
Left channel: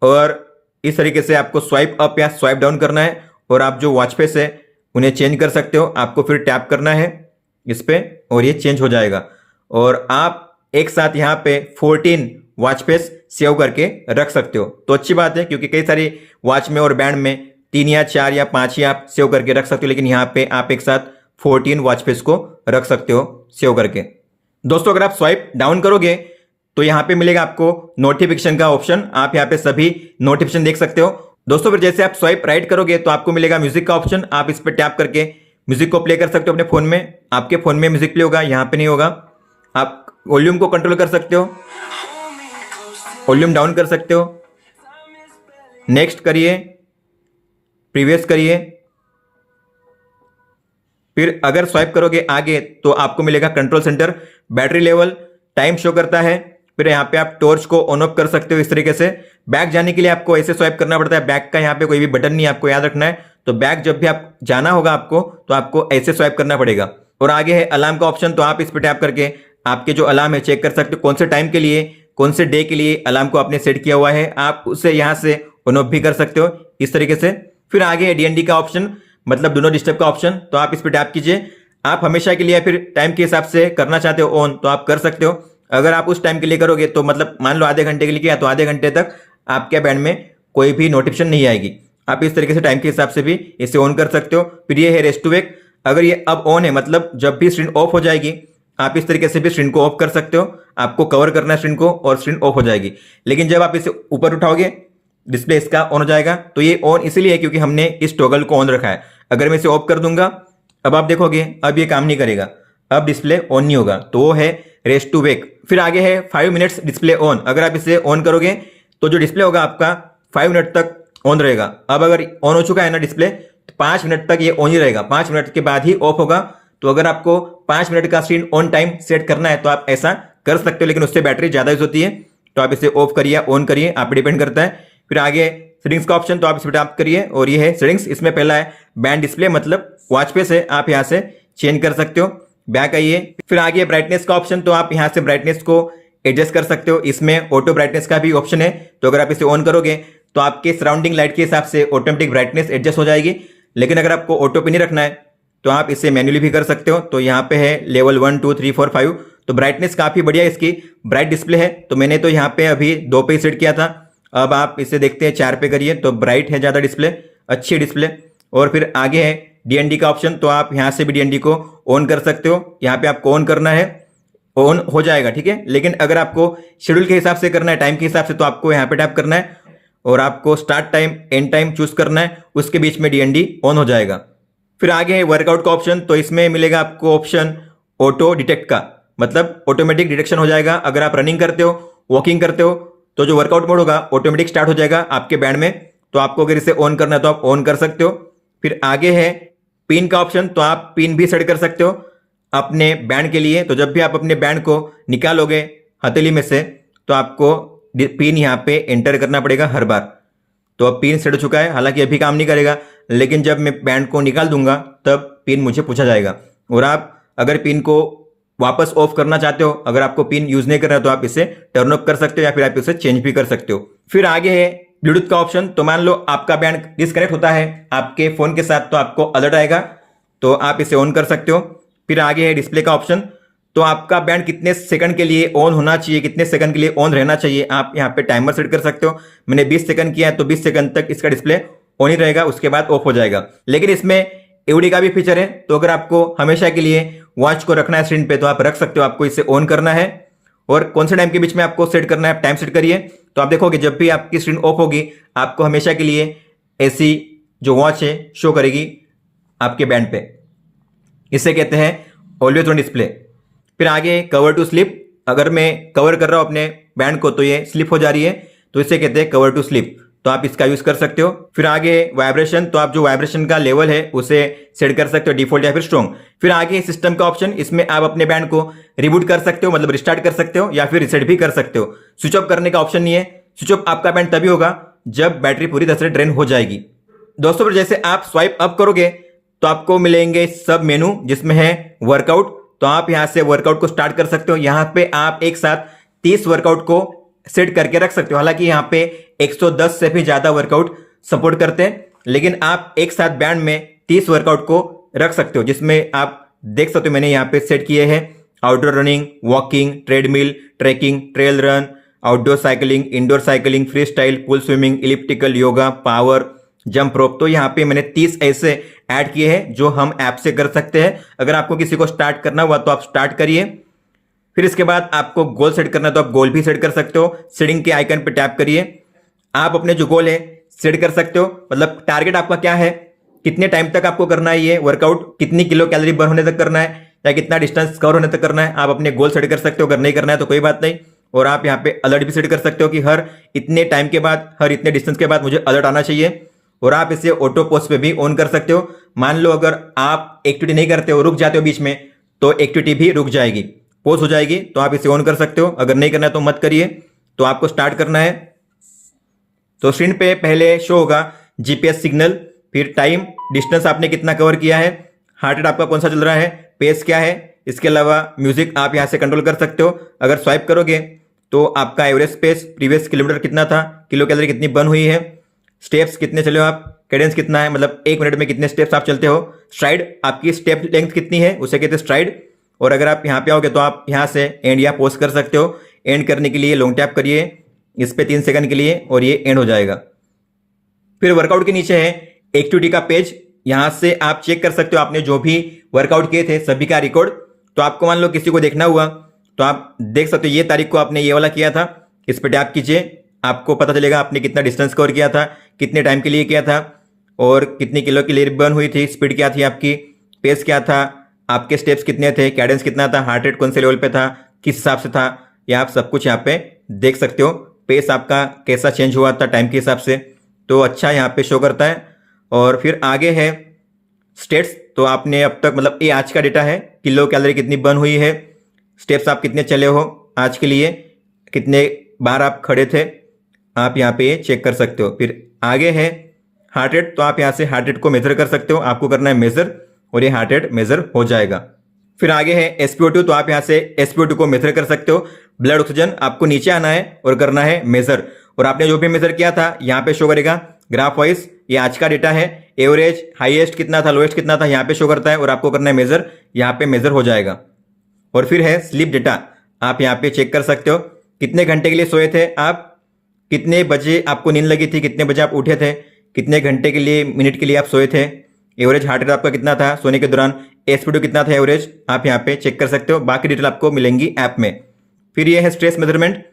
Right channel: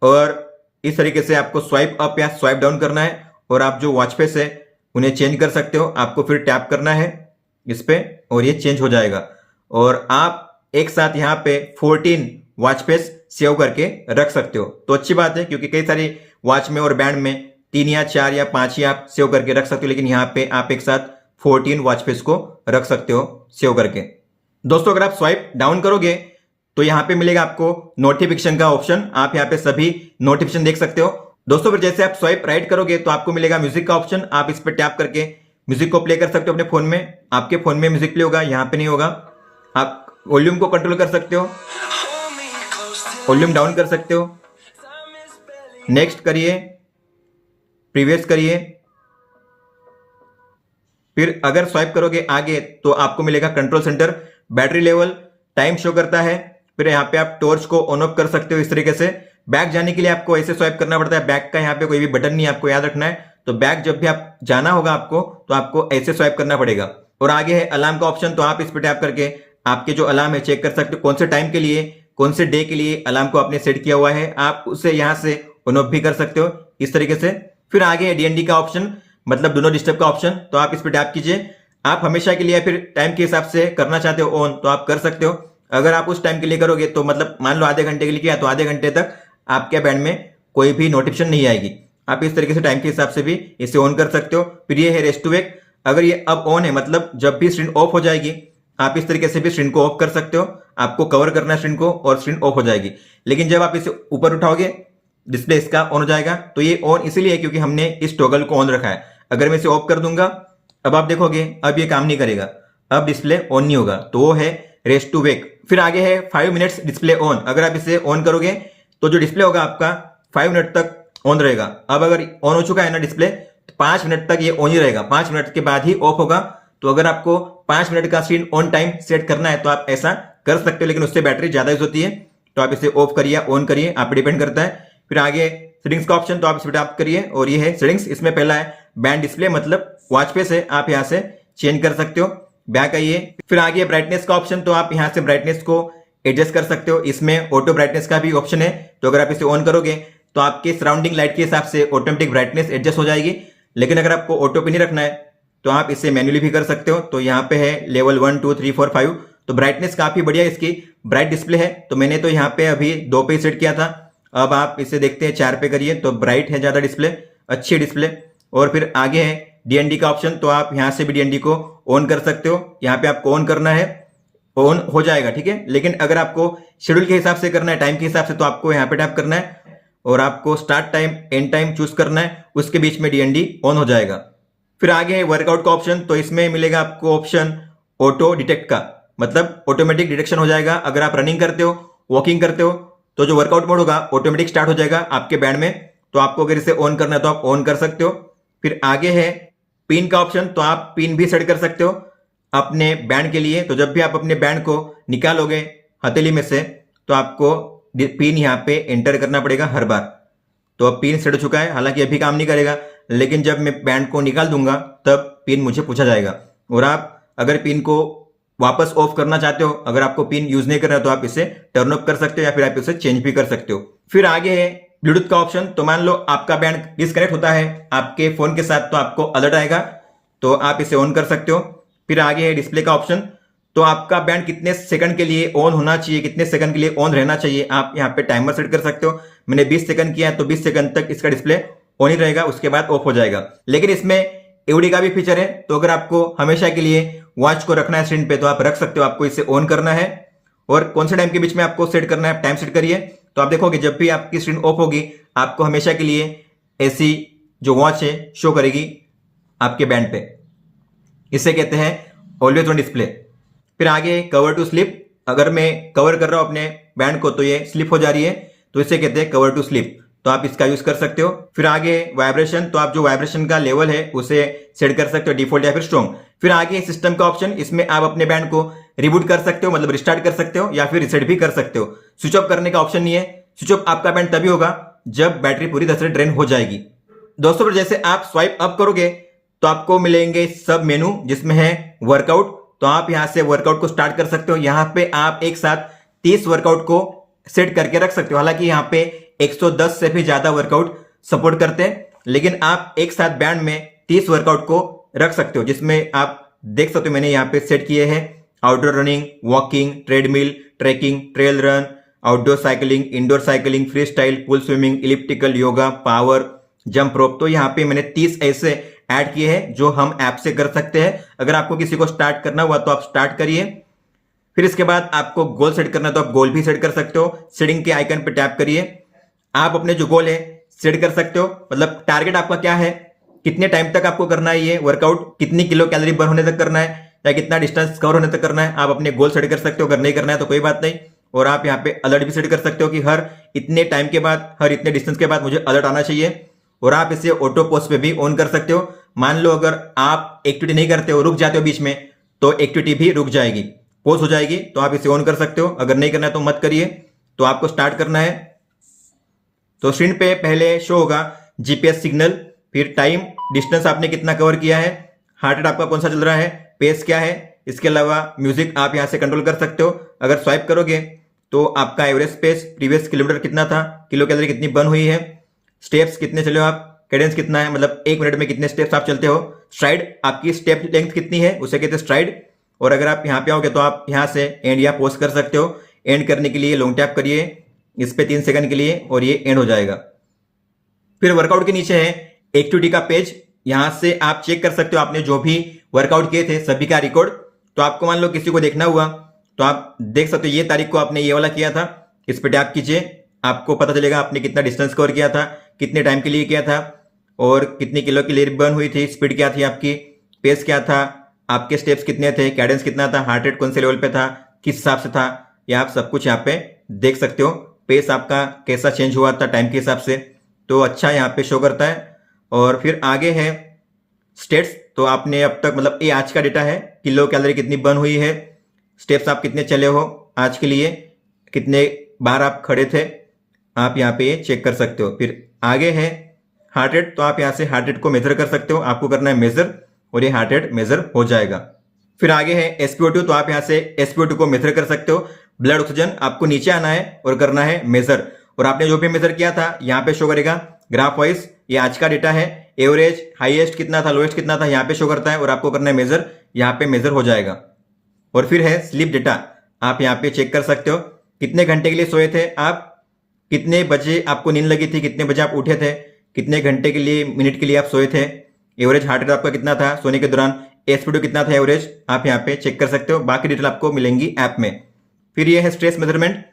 और इस तरीके से आपको स्वाइप अप या स्वाइप डाउन करना है। और आप जो वॉच फेस है उन्हें चेंज कर सकते हो, आपको फिर टैप करना है इस पे और ये चेंज हो जाएगा। और आप एक साथ यहाँ पे 14 वॉच फेस सेव करके रख सकते हो। तो अच्छी बात है, क्योंकि कई सारी वॉच में और बैंड में 3 या 4 या 5 ही आप सेव करके रख सकते हो, लेकिन यहाँ पे आप एक साथ 14 वॉच फेस को रख सकते हो सेव करके। दोस्तों अगर आप स्वाइप डाउन करोगे तो यहाँ पे मिलेगा आपको नोटिफिकेशन का ऑप्शन। आप यहाँ पे सभी नोटिफिकेशन देख सकते हो। दोस्तों फिर जैसे आप स्वाइप राइट करोगे तो आपको मिलेगा म्यूजिक का ऑप्शन। आप इस पर टैप करके म्यूजिक को प्ले कर सकते हो अपने फोन में। आपके फोन में म्यूजिक प्ले होगा, यहाँ पे नहीं होगा। आप वॉल्यूम को कंट्रोल कर सकते हो, वॉल्यूम डाउन कर सकते हो, नेक्स्ट करिए, प्रीवियस करिए। फिर अगर स्वाइप करोगे आगे तो आपको मिलेगा control centre, battery level, time show करता है। फिर यहाँ पे आप टॉर्च को ऑन ऑफ कर सकते हो इस तरीके से। बैक जाने के लिए आपको ऐसे स्वाइप करना पड़ता है, बैक का यहाँ पे कोई भी बटन नहीं, आपको याद रखना है। तो बैक जब भी आप जाना होगा आपको तो आपको ऐसे स्वाइप करना पड़ेगा। और आगे है अलार्म का ऑप्शन। तो आप इस पर टैप करके आपके जो अलार्म है चेक कर सकते हो, कौन से टाइम के लिए, कौन से डे के लिए अलार्म को आपने सेट किया हुआ है। आप उसे यहाँ से ऑन ऑफ भी कर सकते हो इस तरीके से। फिर आगे है DND का ऑप्शन, मतलब डू नॉट डिस्टर्ब का ऑप्शन। तो आप इस पर टैप कीजिए। आप हमेशा के लिए या फिर टाइम के हिसाब से करना चाहते हो ऑन तो आप कर सकते हो। अगर आप उस टाइम के लिए करोगे तो मतलब मान लो आधे घंटे के लिए किया तो आधे घंटे तक आपके बैंड में कोई भी नोटिफिकेशन नहीं आएगी। आप इस तरीके से टाइम के हिसाब से भी इसे ऑन कर सकते हो। फिर ये है रेस्ट टू वेक। अगर ये अब ऑन है मतलब जब भी स्क्रीन ऑफ हो जाएगी आप इस तरीके से भी स्क्रीन को ऑफ कर सकते हो। आपको कवर करना है स्क्रीन को और स्क्रीन ऑफ हो जाएगी। लेकिन जब आप इसे ऊपर उठाओगे डिस्प्ले इसका ऑन हो जाएगा। तो ये ऑन इसलिए है क्योंकि हमने इस टॉगल को ऑन रखा है। अगर मैं इसे ऑफ कर दूंगा, अब आप देखोगे अब ये काम नहीं करेगा, अब डिस्प्ले ऑन नहीं होगा। तो वो है रेस्ट टू वेक। फिर आगे है 5 मिनट्स डिस्प्ले ऑन। अगर आप इसे ऑन करोगे तो जो डिस्प्ले होगा आपका 5 मिनट तक ऑन रहेगा। अब अगर ऑन हो चुका है ना डिस्प्ले तो 5 मिनट तक ये ऑन ही रहेगा, 5 मिनट के बाद ही ऑफ होगा। तो अगर आपको 5 मिनट का स्क्रीन ऑन टाइम सेट करना है तो आप ऐसा कर सकते हो, लेकिन उससे बैटरी ज्यादा यूज होती है। तो आप इसे ऑफ करिए ऑन करिए, आप डिपेंड करता है। फिर आगे सेटिंग्स का ऑप्शन, तो आप इस पर टैप करिए और ये है सेटिंग्स। इसमें पहला है बैंड डिस्प्ले, मतलब वॉच फेस है, आप यहाँ से चेंज कर सकते हो। बैक आइए। फिर आगे ब्राइटनेस का ऑप्शन, तो आप यहाँ से ब्राइटनेस को एडजस्ट कर सकते हो। इसमें ऑटो ब्राइटनेस का भी ऑप्शन है। तो अगर आप इसे ऑन करोगे तो आपके सराउंडिंग लाइट के हिसाब से ऑटोमेटिक ब्राइटनेस एडजस्ट हो जाएगी। लेकिन अगर आपको ऑटो पे नहीं रखना है तो आप इसे मैन्युअली भी कर सकते हो। तो यहाँ पे है लेवल 1 2 3 4 5। तो ब्राइटनेस काफी बढ़िया इसकी ब्राइट डिस्प्ले है। तो मैंने तो यहाँ पे अभी 2 पे सेट किया था। अब आप इसे देखते हैं 4 पे करिए तो ब्राइट है ज्यादा डिस्प्ले, अच्छी डिस्प्ले। और फिर आगे है DND का ऑप्शन। तो आप यहाँ से भी DND को ऑन कर सकते हो। यहाँ पे आपको ऑन करना है, ऑन हो जाएगा, ठीक है। लेकिन अगर आपको शेड्यूल के हिसाब से करना है, टाइम के हिसाब से, तो आपको यहाँ पे टैप करना है और आपको start time and time choose करना है। उसके बीच में DND ऑन हो जाएगा। फिर आगे है वर्कआउट का ऑप्शन। तो इसमें मिलेगा आपको ऑप्शन ऑटो डिटेक्ट का, मतलब ऑटोमेटिक डिटेक्शन हो जाएगा। अगर आप रनिंग करते हो, वॉकिंग करते हो तो जो वर्कआउट मोड होगा ऑटोमेटिक स्टार्ट हो जाएगा आपके बैंड में। तो आपको अगर इसे ऑन करना है तो आप ऑन कर सकते हो। फिर आगे है पिन का ऑप्शन। तो आप पिन भी सेट कर सकते हो अपने बैंड के लिए। तो जब भी आप अपने बैंड को निकालोगे हथेली में से तो आपको पिन यहाँ पे एंटर करना पड़ेगा हर बार। तो अब पिन सेट हो चुका है, हालांकि अभी काम नहीं करेगा, लेकिन जब मैं बैंड को निकाल दूंगा तब पिन मुझे पूछा जाएगा। और आप अगर पिन को वापस ऑफ करना चाहते हो, अगर आपको पिन यूज नहीं करना तो आप इसे टर्न ऑफ कर सकते हो या फिर आप इसे चेंज भी कर सकते हो। फिर आगे है ब्लूटूथ का ऑप्शन, तो मान लो आपका बैंड डिस्कनेक्ट होता है आपके फ़ोन के साथ तो आपको अलर्ट आएगा, तो आप इसे ऑन कर सकते हो। फिर आगे है डिस्प्ले का ऑप्शन, तो आपका बैंड कितने सेकंड के लिए ऑन होना चाहिए, कितने सेकंड के लिए ऑन रहना चाहिए, आप यहाँ पे टाइमर सेट कर सकते हो। मैंने 20 सेकंड किया तो 20 सेकंड तक इसका डिस्प्ले ऑन ही रहेगा, उसके बाद ऑफ हो जाएगा। लेकिन इसमें एवडी का भी फीचर है, तो अगर आपको हमेशा के लिए वॉच को रखना है स्क्रीन पे तो आप रख सकते हो। आपको इसे ऑन करना है और कौन से टाइम के बीच में आपको सेट करना है, आप टाइम सेट करिए, तो आप देखोगे जब भी आपकी स्क्रीन ऑफ होगी आपको हमेशा के लिए ऐसी जो वॉच है शो करेगी आपके बैंड पे। इसे कहते हैं ऑलवेज ऑन डिस्प्ले। फिर आगे कवर टू स्लिप, अगर मैं कवर कर रहा हूं अपने बैंड को तो ये स्लिप हो जा रही है, तो इसे कहते हैं कवर टू स्लिप, तो आप इसका यूज कर सकते हो। फिर आगे वाइब्रेशन, तो आप जो वाइब्रेशन का लेवल है उसे सेट कर सकते हो डिफॉल्ट या फिर स्ट्रॉन्ग। फिर आगे सिस्टम का ऑप्शन, इसमें आप अपने बैंड को रिबूट कर सकते हो, मतलब रिस्टार्ट कर सकते हो या फिर रिसेट भी कर सकते हो। स्विच ऑफ करने का ऑप्शन नहीं है, स्विच ऑफ आपका बैंड तभी होगा जब बैटरी पूरी तरह से ड्रेन हो जाएगी। दोस्तों फिर जैसे आप स्वाइप अप करोगे तो आपको मिलेंगे सब मेनू जिसमें है वर्कआउट, तो आप यहां से वर्कआउट को स्टार्ट कर सकते हो। यहां पे आप एक साथ 30 वर्कआउट को सेट करके रख सकते हो। हालांकि यहां पे 110 से भी ज्यादा वर्कआउट सपोर्ट करते हैं, लेकिन आप एक साथ बैंड में 30 वर्कआउट को रख सकते हो, जिसमें आप देख सकते हो मैंने यहाँ पे सेट किए हैं outdoor running, walking, treadmill, tracking, trail run, outdoor cycling, indoor cycling, free style, pool swimming, elliptical, yoga, power, jump rope. तो यहाँ पे मैंने 30 ऐसे ऐड किए हैं जो हम ऐप से कर सकते हैं। अगर आपको किसी को स्टार्ट करना हुआ तो आप स्टार्ट करिए। फिर इसके बाद आपको गोल सेट करना है तो आप गोल भी सेट कर सकते हो। सेटिंग के आइकन पे टैप करिए, आप अपने जो गोल है सेट कर सकते हो। मतलब टारगेट आपका क्या है, कितने टाइम तक आपको करना है ये वर्कआउट, कितनी किलो कैलोरी बर्न होने तक करना है या कितना डिस्टेंस कवर होने तक करना है, आप अपने गोल सेट कर सकते हो। अगर नहीं करना है तो कोई बात नहीं। और आप यहाँ पे अलर्ट भी सेट कर सकते हो कि हर इतने टाइम के बाद, हर इतने डिस्टेंस के बाद मुझे अलर्ट आना चाहिए। और आप इसे ऑटो पोस्ट पे भी ऑन कर सकते हो। मान लो अगर आप एक्टिविटी नहीं करते हो, रुक जाते हो बीच में, तो एक्टिविटी भी रुक जाएगी, पॉज हो जाएगी, तो आप इसे ऑन कर सकते हो। अगर नहीं करना है तो मत करिए। तो आपको स्टार्ट करना है तो स्क्रीन पे पहले शो होगा जीपीएस सिग्नल, फिर टाइम, डिस्टेंस आपने कितना कवर किया है, हार्ट रेट आपका कौन सा चल रहा है, पेस क्या है। इसके अलावा म्यूजिक आप यहाँ से कंट्रोल कर सकते हो। अगर स्वाइप करोगे तो आपका एवरेज पेस, प्रीवियस किलोमीटर कितना था, किलो कैलोरी कितनी बर्न हुई है, स्टेप्स कितने चले हो आप, कैडेंस कितना है, मतलब 1 मिनट में कितने स्टेप्स आप चलते हो, स्ट्राइड आपकी स्टेप लेंथ कितनी है उसे कहते हैं स्ट्राइड। और अगर आप यहाँ पे आओगे तो आप यहाँ से एंड या पोस्ट कर सकते हो। एंड करने के लिए लॉन्ग टैप करिए इस पे 3 सेकंड के लिए और ये एंड हो जाएगा। फिर वर्कआउट के नीचे है एक्टिविटी का पेज, यहां से आप चेक कर सकते हो आपने जो भी वर्कआउट किए थे सभी का रिकॉर्ड। तो आपको मान लो किसी को देखना हुआ तो आप देख सकते हो ये तारीख को आपने ये वाला किया था, इस पर टैप कीजिए, आपको पता चलेगा आपने कितना डिस्टेंस कवर किया था, कितने टाइम के लिए किया था और कितनी किलो की कैलोरी बर्न हुई थी, स्पीड क्या थी आपकी, पेस क्या था, आपके स्टेप्स कितने थे, कैडेंस कितना था, हार्ट रेट कौन से लेवल पे था, किस हिसाब से था, ये आप सब कुछ यहाँ पे देख सकते हो। पेस आपका कैसा चेंज हुआ था टाइम के हिसाब से, तो अच्छा यहाँ पे शो करता है। और फिर आगे है स्टेट्स, तो आपने अब तक मतलब ये आज का डेटा है, किलो कैलोरी कितनी बर्न हुई है, स्टेप्स आप कितने चले हो आज के लिए, कितने बार आप खड़े थे, आप यहाँ पे चेक कर सकते हो। फिर आगे है हार्ट रेट, तो आप यहाँ से हार्ट रेट को मेजर कर सकते हो, आपको करना है मेजर और ये हार्ट रेट मेजर हो जाएगा। फिर आगे है SpO2, तो आप यहाँ से SpO2 को मेजर कर सकते हो। ब्लड ऑक्सीजन आपको नीचे आना है और करना है मेजर, और आपने जो भी मेजर किया था यहाँ पे शो करेगा ग्राफ वाइज, ये आज का डेटा है। एवरेज हाईएस्ट कितना था, लोएस्ट कितना था यहाँ पे शो करता है और आपको करना है मेजर, यहाँ पे मेजर हो जाएगा। और फिर है स्लीप डेटा, आप यहाँ पे चेक कर सकते हो कितने घंटे के लिए सोए थे आप, कितने बजे आपको नींद लगी थी, कितने बजे आप उठे थे, कितने घंटे के लिए, मिनट के लिए आप सोए थे, एवरेज हार्ट रेट आपका कितना था सोने के दौरान, SpO2 कितना था एवरेज, आप यहाँ पे चेक कर सकते हो। बाकी डिटेल आपको मिलेंगी ऐप में। फिर ये है स्ट्रेस मेजरमेंट,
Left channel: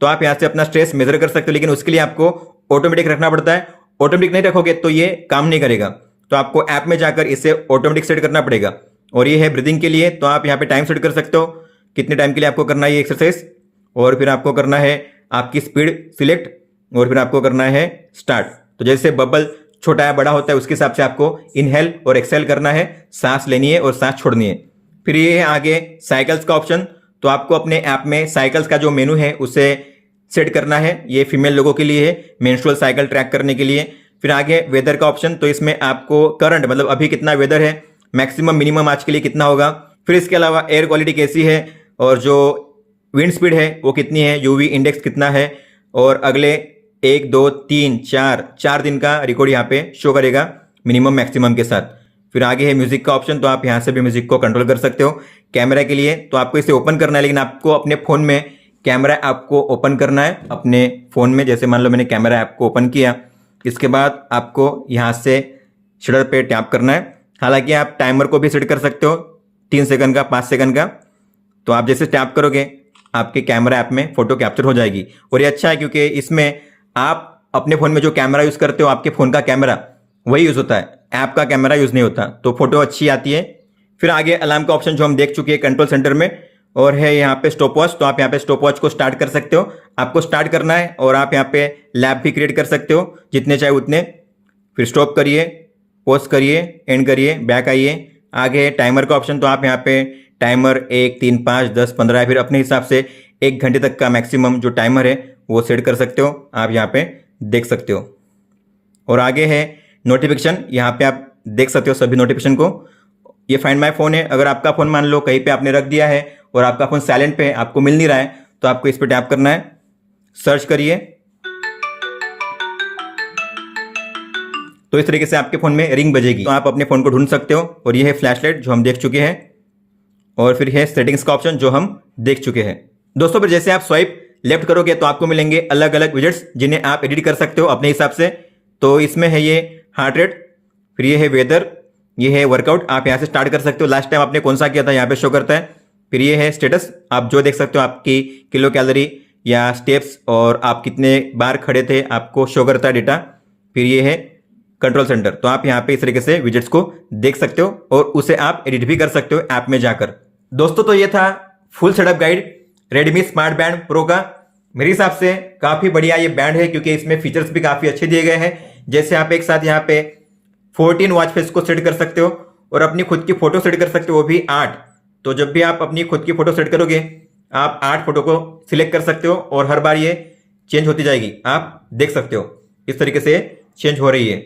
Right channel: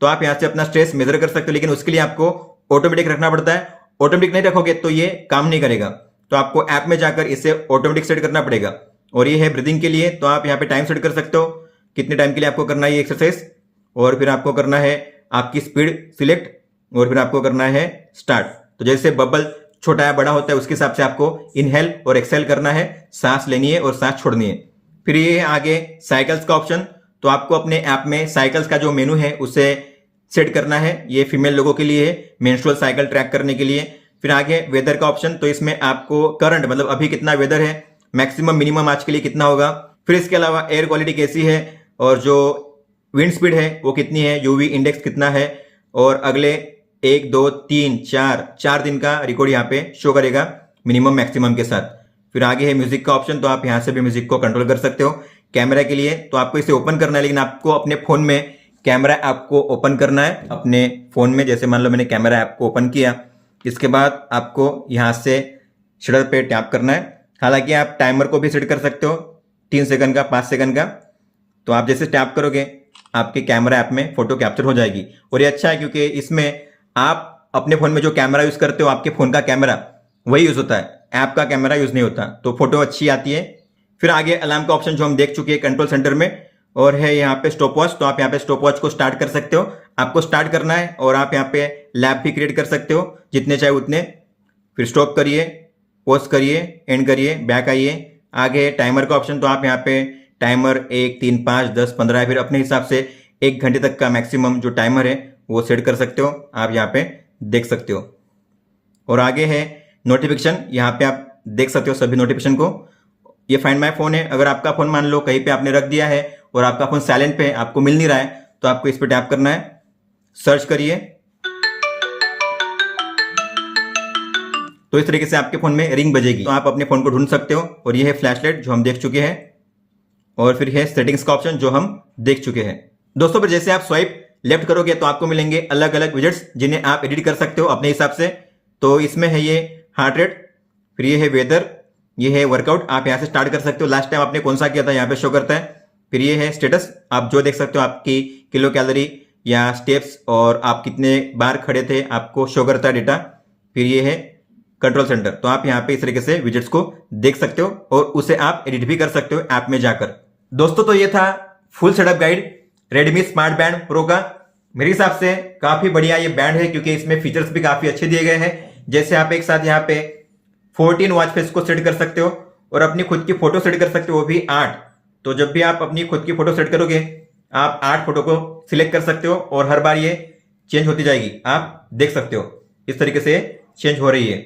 तो आप यहाँ से अपना स्ट्रेस मेजर कर सकते हो, लेकिन उसके लिए आपको ऑटोमेटिक रखना पड़ता है। ऑटोमेटिक नहीं रखोगे तो ये काम नहीं करेगा, तो आपको ऐप में जाकर इसे ऑटोमेटिक सेट करना पड़ेगा। और ये है ब्रीदिंग के लिए, तो आप यहाँ पे टाइम सेट कर सकते हो कितने टाइम के लिए आपको करना है ये एक्सरसाइज, और फिर आपको करना है आपकी स्पीड सिलेक्ट, और फिर आपको करना है स्टार्ट। तो जैसे बबल छोटा है बड़ा होता है उसके हिसाब से आपको इनहेल और एक्सेल करना है, सांस लेनी है और सांस छोड़नी है। फिर ये है आगे साइकिल्स का ऑप्शन, तो आपको अपने ऐप में साइकिल्स का जो मेनू है उसे सेट करना है, ये फीमेल लोगों के लिए है, मेंस्ट्रुअल साइकिल ट्रैक करने के लिए। फिर आगे वेदर का ऑप्शन, तो इसमें आपको करंट मतलब अभी कितना वेदर है, मैक्सिमम मिनिमम आज के लिए कितना होगा। फिर इसके अलावा एयर क्वालिटी कैसी है और जो विंड स्पीड है वो कितनी है, यूवी इंडेक्स कितना है, और अगले 1 2 3 4 दिन का रिकॉर्ड यहाँ पे शो करेगा मिनिमम मैक्सिमम के साथ। फिर आगे है म्यूजिक का ऑप्शन, तो आप यहाँ से भी म्यूजिक को कंट्रोल कर सकते हो। कैमरा के लिए तो आपको इसे ओपन करना है, लेकिन आपको अपने फ़ोन में कैमरा ऐप को ओपन करना है अपने फ़ोन में। जैसे मान लो मैंने कैमरा ऐप को ओपन किया, इसके बाद आपको यहाँ से शटर पे टैप करना है। हालांकि आप टाइमर को भी सेट कर सकते हो 3 सेकंड का, 5 सेकंड का। तो आप जैसे टैप करोगे आपके कैमरा ऐप में फ़ोटो कैप्चर हो जाएगी। और ये अच्छा है क्योंकि इसमें आप अपने फ़ोन में जो कैमरा यूज़ करते हो, आपके फ़ोन का कैमरा वही यूज़ होता है, ऐप का कैमरा यूज़ नहीं होता, तो फोटो अच्छी आती है। फिर आगे अलार्म का ऑप्शन जो हम देख चुके हैं कंट्रोल सेंटर में, और है यहाँ पे स्टॉप वॉच। तो आप यहाँ पे स्टॉप वॉच को स्टार्ट कर सकते हो, आपको स्टार्ट करना है। और आप यहाँ पे लैप भी क्रिएट कर सकते हो जितने चाहे उतने। फिर स्टॉप करिए, पॉज करिए, एंड करिए, बैक आइए। आगे टाइमर का ऑप्शन, तो आप यहाँ पे टाइमर 1 3 5 10 15 फिर अपने हिसाब से 1 घंटे तक का मैक्सिमम जो टाइमर है वो सेट कर सकते हो, आप यहाँ पे देख सकते हो। और आगे है नोटिफिकेशन, यहाँ पे आप देख सकते हो सभी नोटिफिकेशन को। ये फाइंड माय फोन है, अगर आपका फ़ोन मान लो कहीं पे आपने रख दिया है और आपका फ़ोन साइलेंट पे है, आपको मिल नहीं रहा है, तो आपको इस पर टैप करना है, सर्च करिए, तो इस तरीके से आपके फ़ोन में रिंग बजेगी, तो आप अपने फ़ोन को ढूंढ सकते हो। और ये है फ्लैशलाइट जो हम देख चुके हैं, और फिर है सेटिंग्स का ऑप्शन जो हम देख चुके हैं। दोस्तों फिर जैसे आप स्वाइप लेफ्ट करोगे तो आपको मिलेंगे अलग अलग विजेट्स जिन्हें आप एडिट कर सकते हो अपने हिसाब से। तो इसमें है ये हार्ट रेट, फिर ये है वेदर, ये है वर्कआउट, आप यहाँ से स्टार्ट कर सकते हो। लास्ट टाइम आपने कौन सा किया था यहाँ पे शो करता है। फिर ये है स्टेटस, आप जो देख सकते हो आपकी किलो कैलोरी या स्टेप्स और आप कितने बार खड़े थे आपको शो करता है डेटा। फिर ये है कंट्रोल सेंटर, तो आप यहाँ पे इस तरीके से विजेट्स को देख सकते हो और उसे आप एडिट भी कर सकते हो ऐप में जाकर। दोस्तों तो ये था full setup guide Redmi smart band pro का। मेरे हिसाब से काफी बढ़िया ये बैंड है क्योंकि इसमें फीचर्स भी काफी अच्छे दिए गए हैं। जैसे आप एक साथ यहाँ पे 14 वॉच फेस को सेट कर सकते हो और अपनी खुद की फोटो सेट कर सकते हो, वो भी 8। तो जब भी आप अपनी खुद की फोटो सेट करोगे आप 8 फोटो को सिलेक्ट कर सकते हो और हर बार ये चेंज होती जाएगी, आप देख सकते हो इस तरीके से चेंज हो रही है।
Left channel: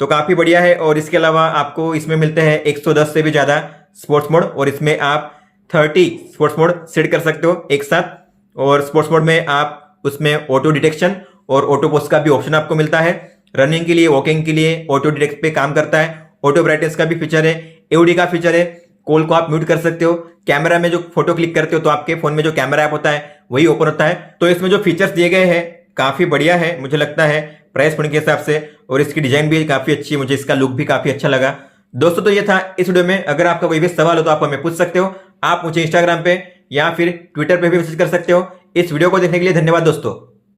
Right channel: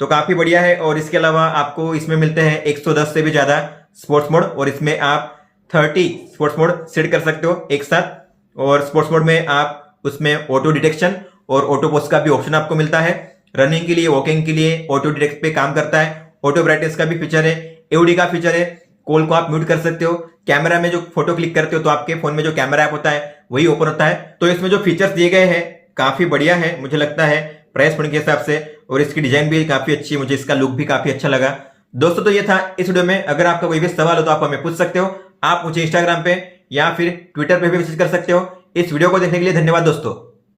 तो काफी बढ़िया है। और इसके अलावा आपको इसमें मिलते हैं 110 से भी ज्यादा स्पोर्ट्स मोड, और इसमें आप 30 स्पोर्ट्स मोड सेट कर सकते हो एक साथ। और स्पोर्ट्स मोड में आप उसमें ऑटो डिटेक्शन और ऑटो पोस्ट का भी ऑप्शन आपको मिलता है। रनिंग के लिए, वॉकिंग के लिए ऑटो डिटेक्ट पे काम करता है। ऑटो ब्राइटनेस का भी फीचर है, एओडी का फीचर है, कॉल को आप म्यूट कर सकते हो। कैमरा में जो फोटो क्लिक करते हो तो आपके फोन में जो कैमरा ऐप होता है वही ओपन होता है। तो इसमें जो फीचर्स दिए गए हैं काफी बढ़िया है मुझे लगता है प्राइस पॉइंट के हिसाब से, और इसकी डिजाइन भी काफी अच्छी है, मुझे इसका लुक भी काफी अच्छा लगा। दोस्तों तो ये था इस वीडियो में। अगर आपका कोई भी सवाल हो तो आप हमें पूछ सकते हो, आप मुझे इंस्टाग्राम पे या फिर ट्विटर पे भी मैसेज कर सकते हो। इस वीडियो को देखने के लिए धन्यवाद दोस्तों।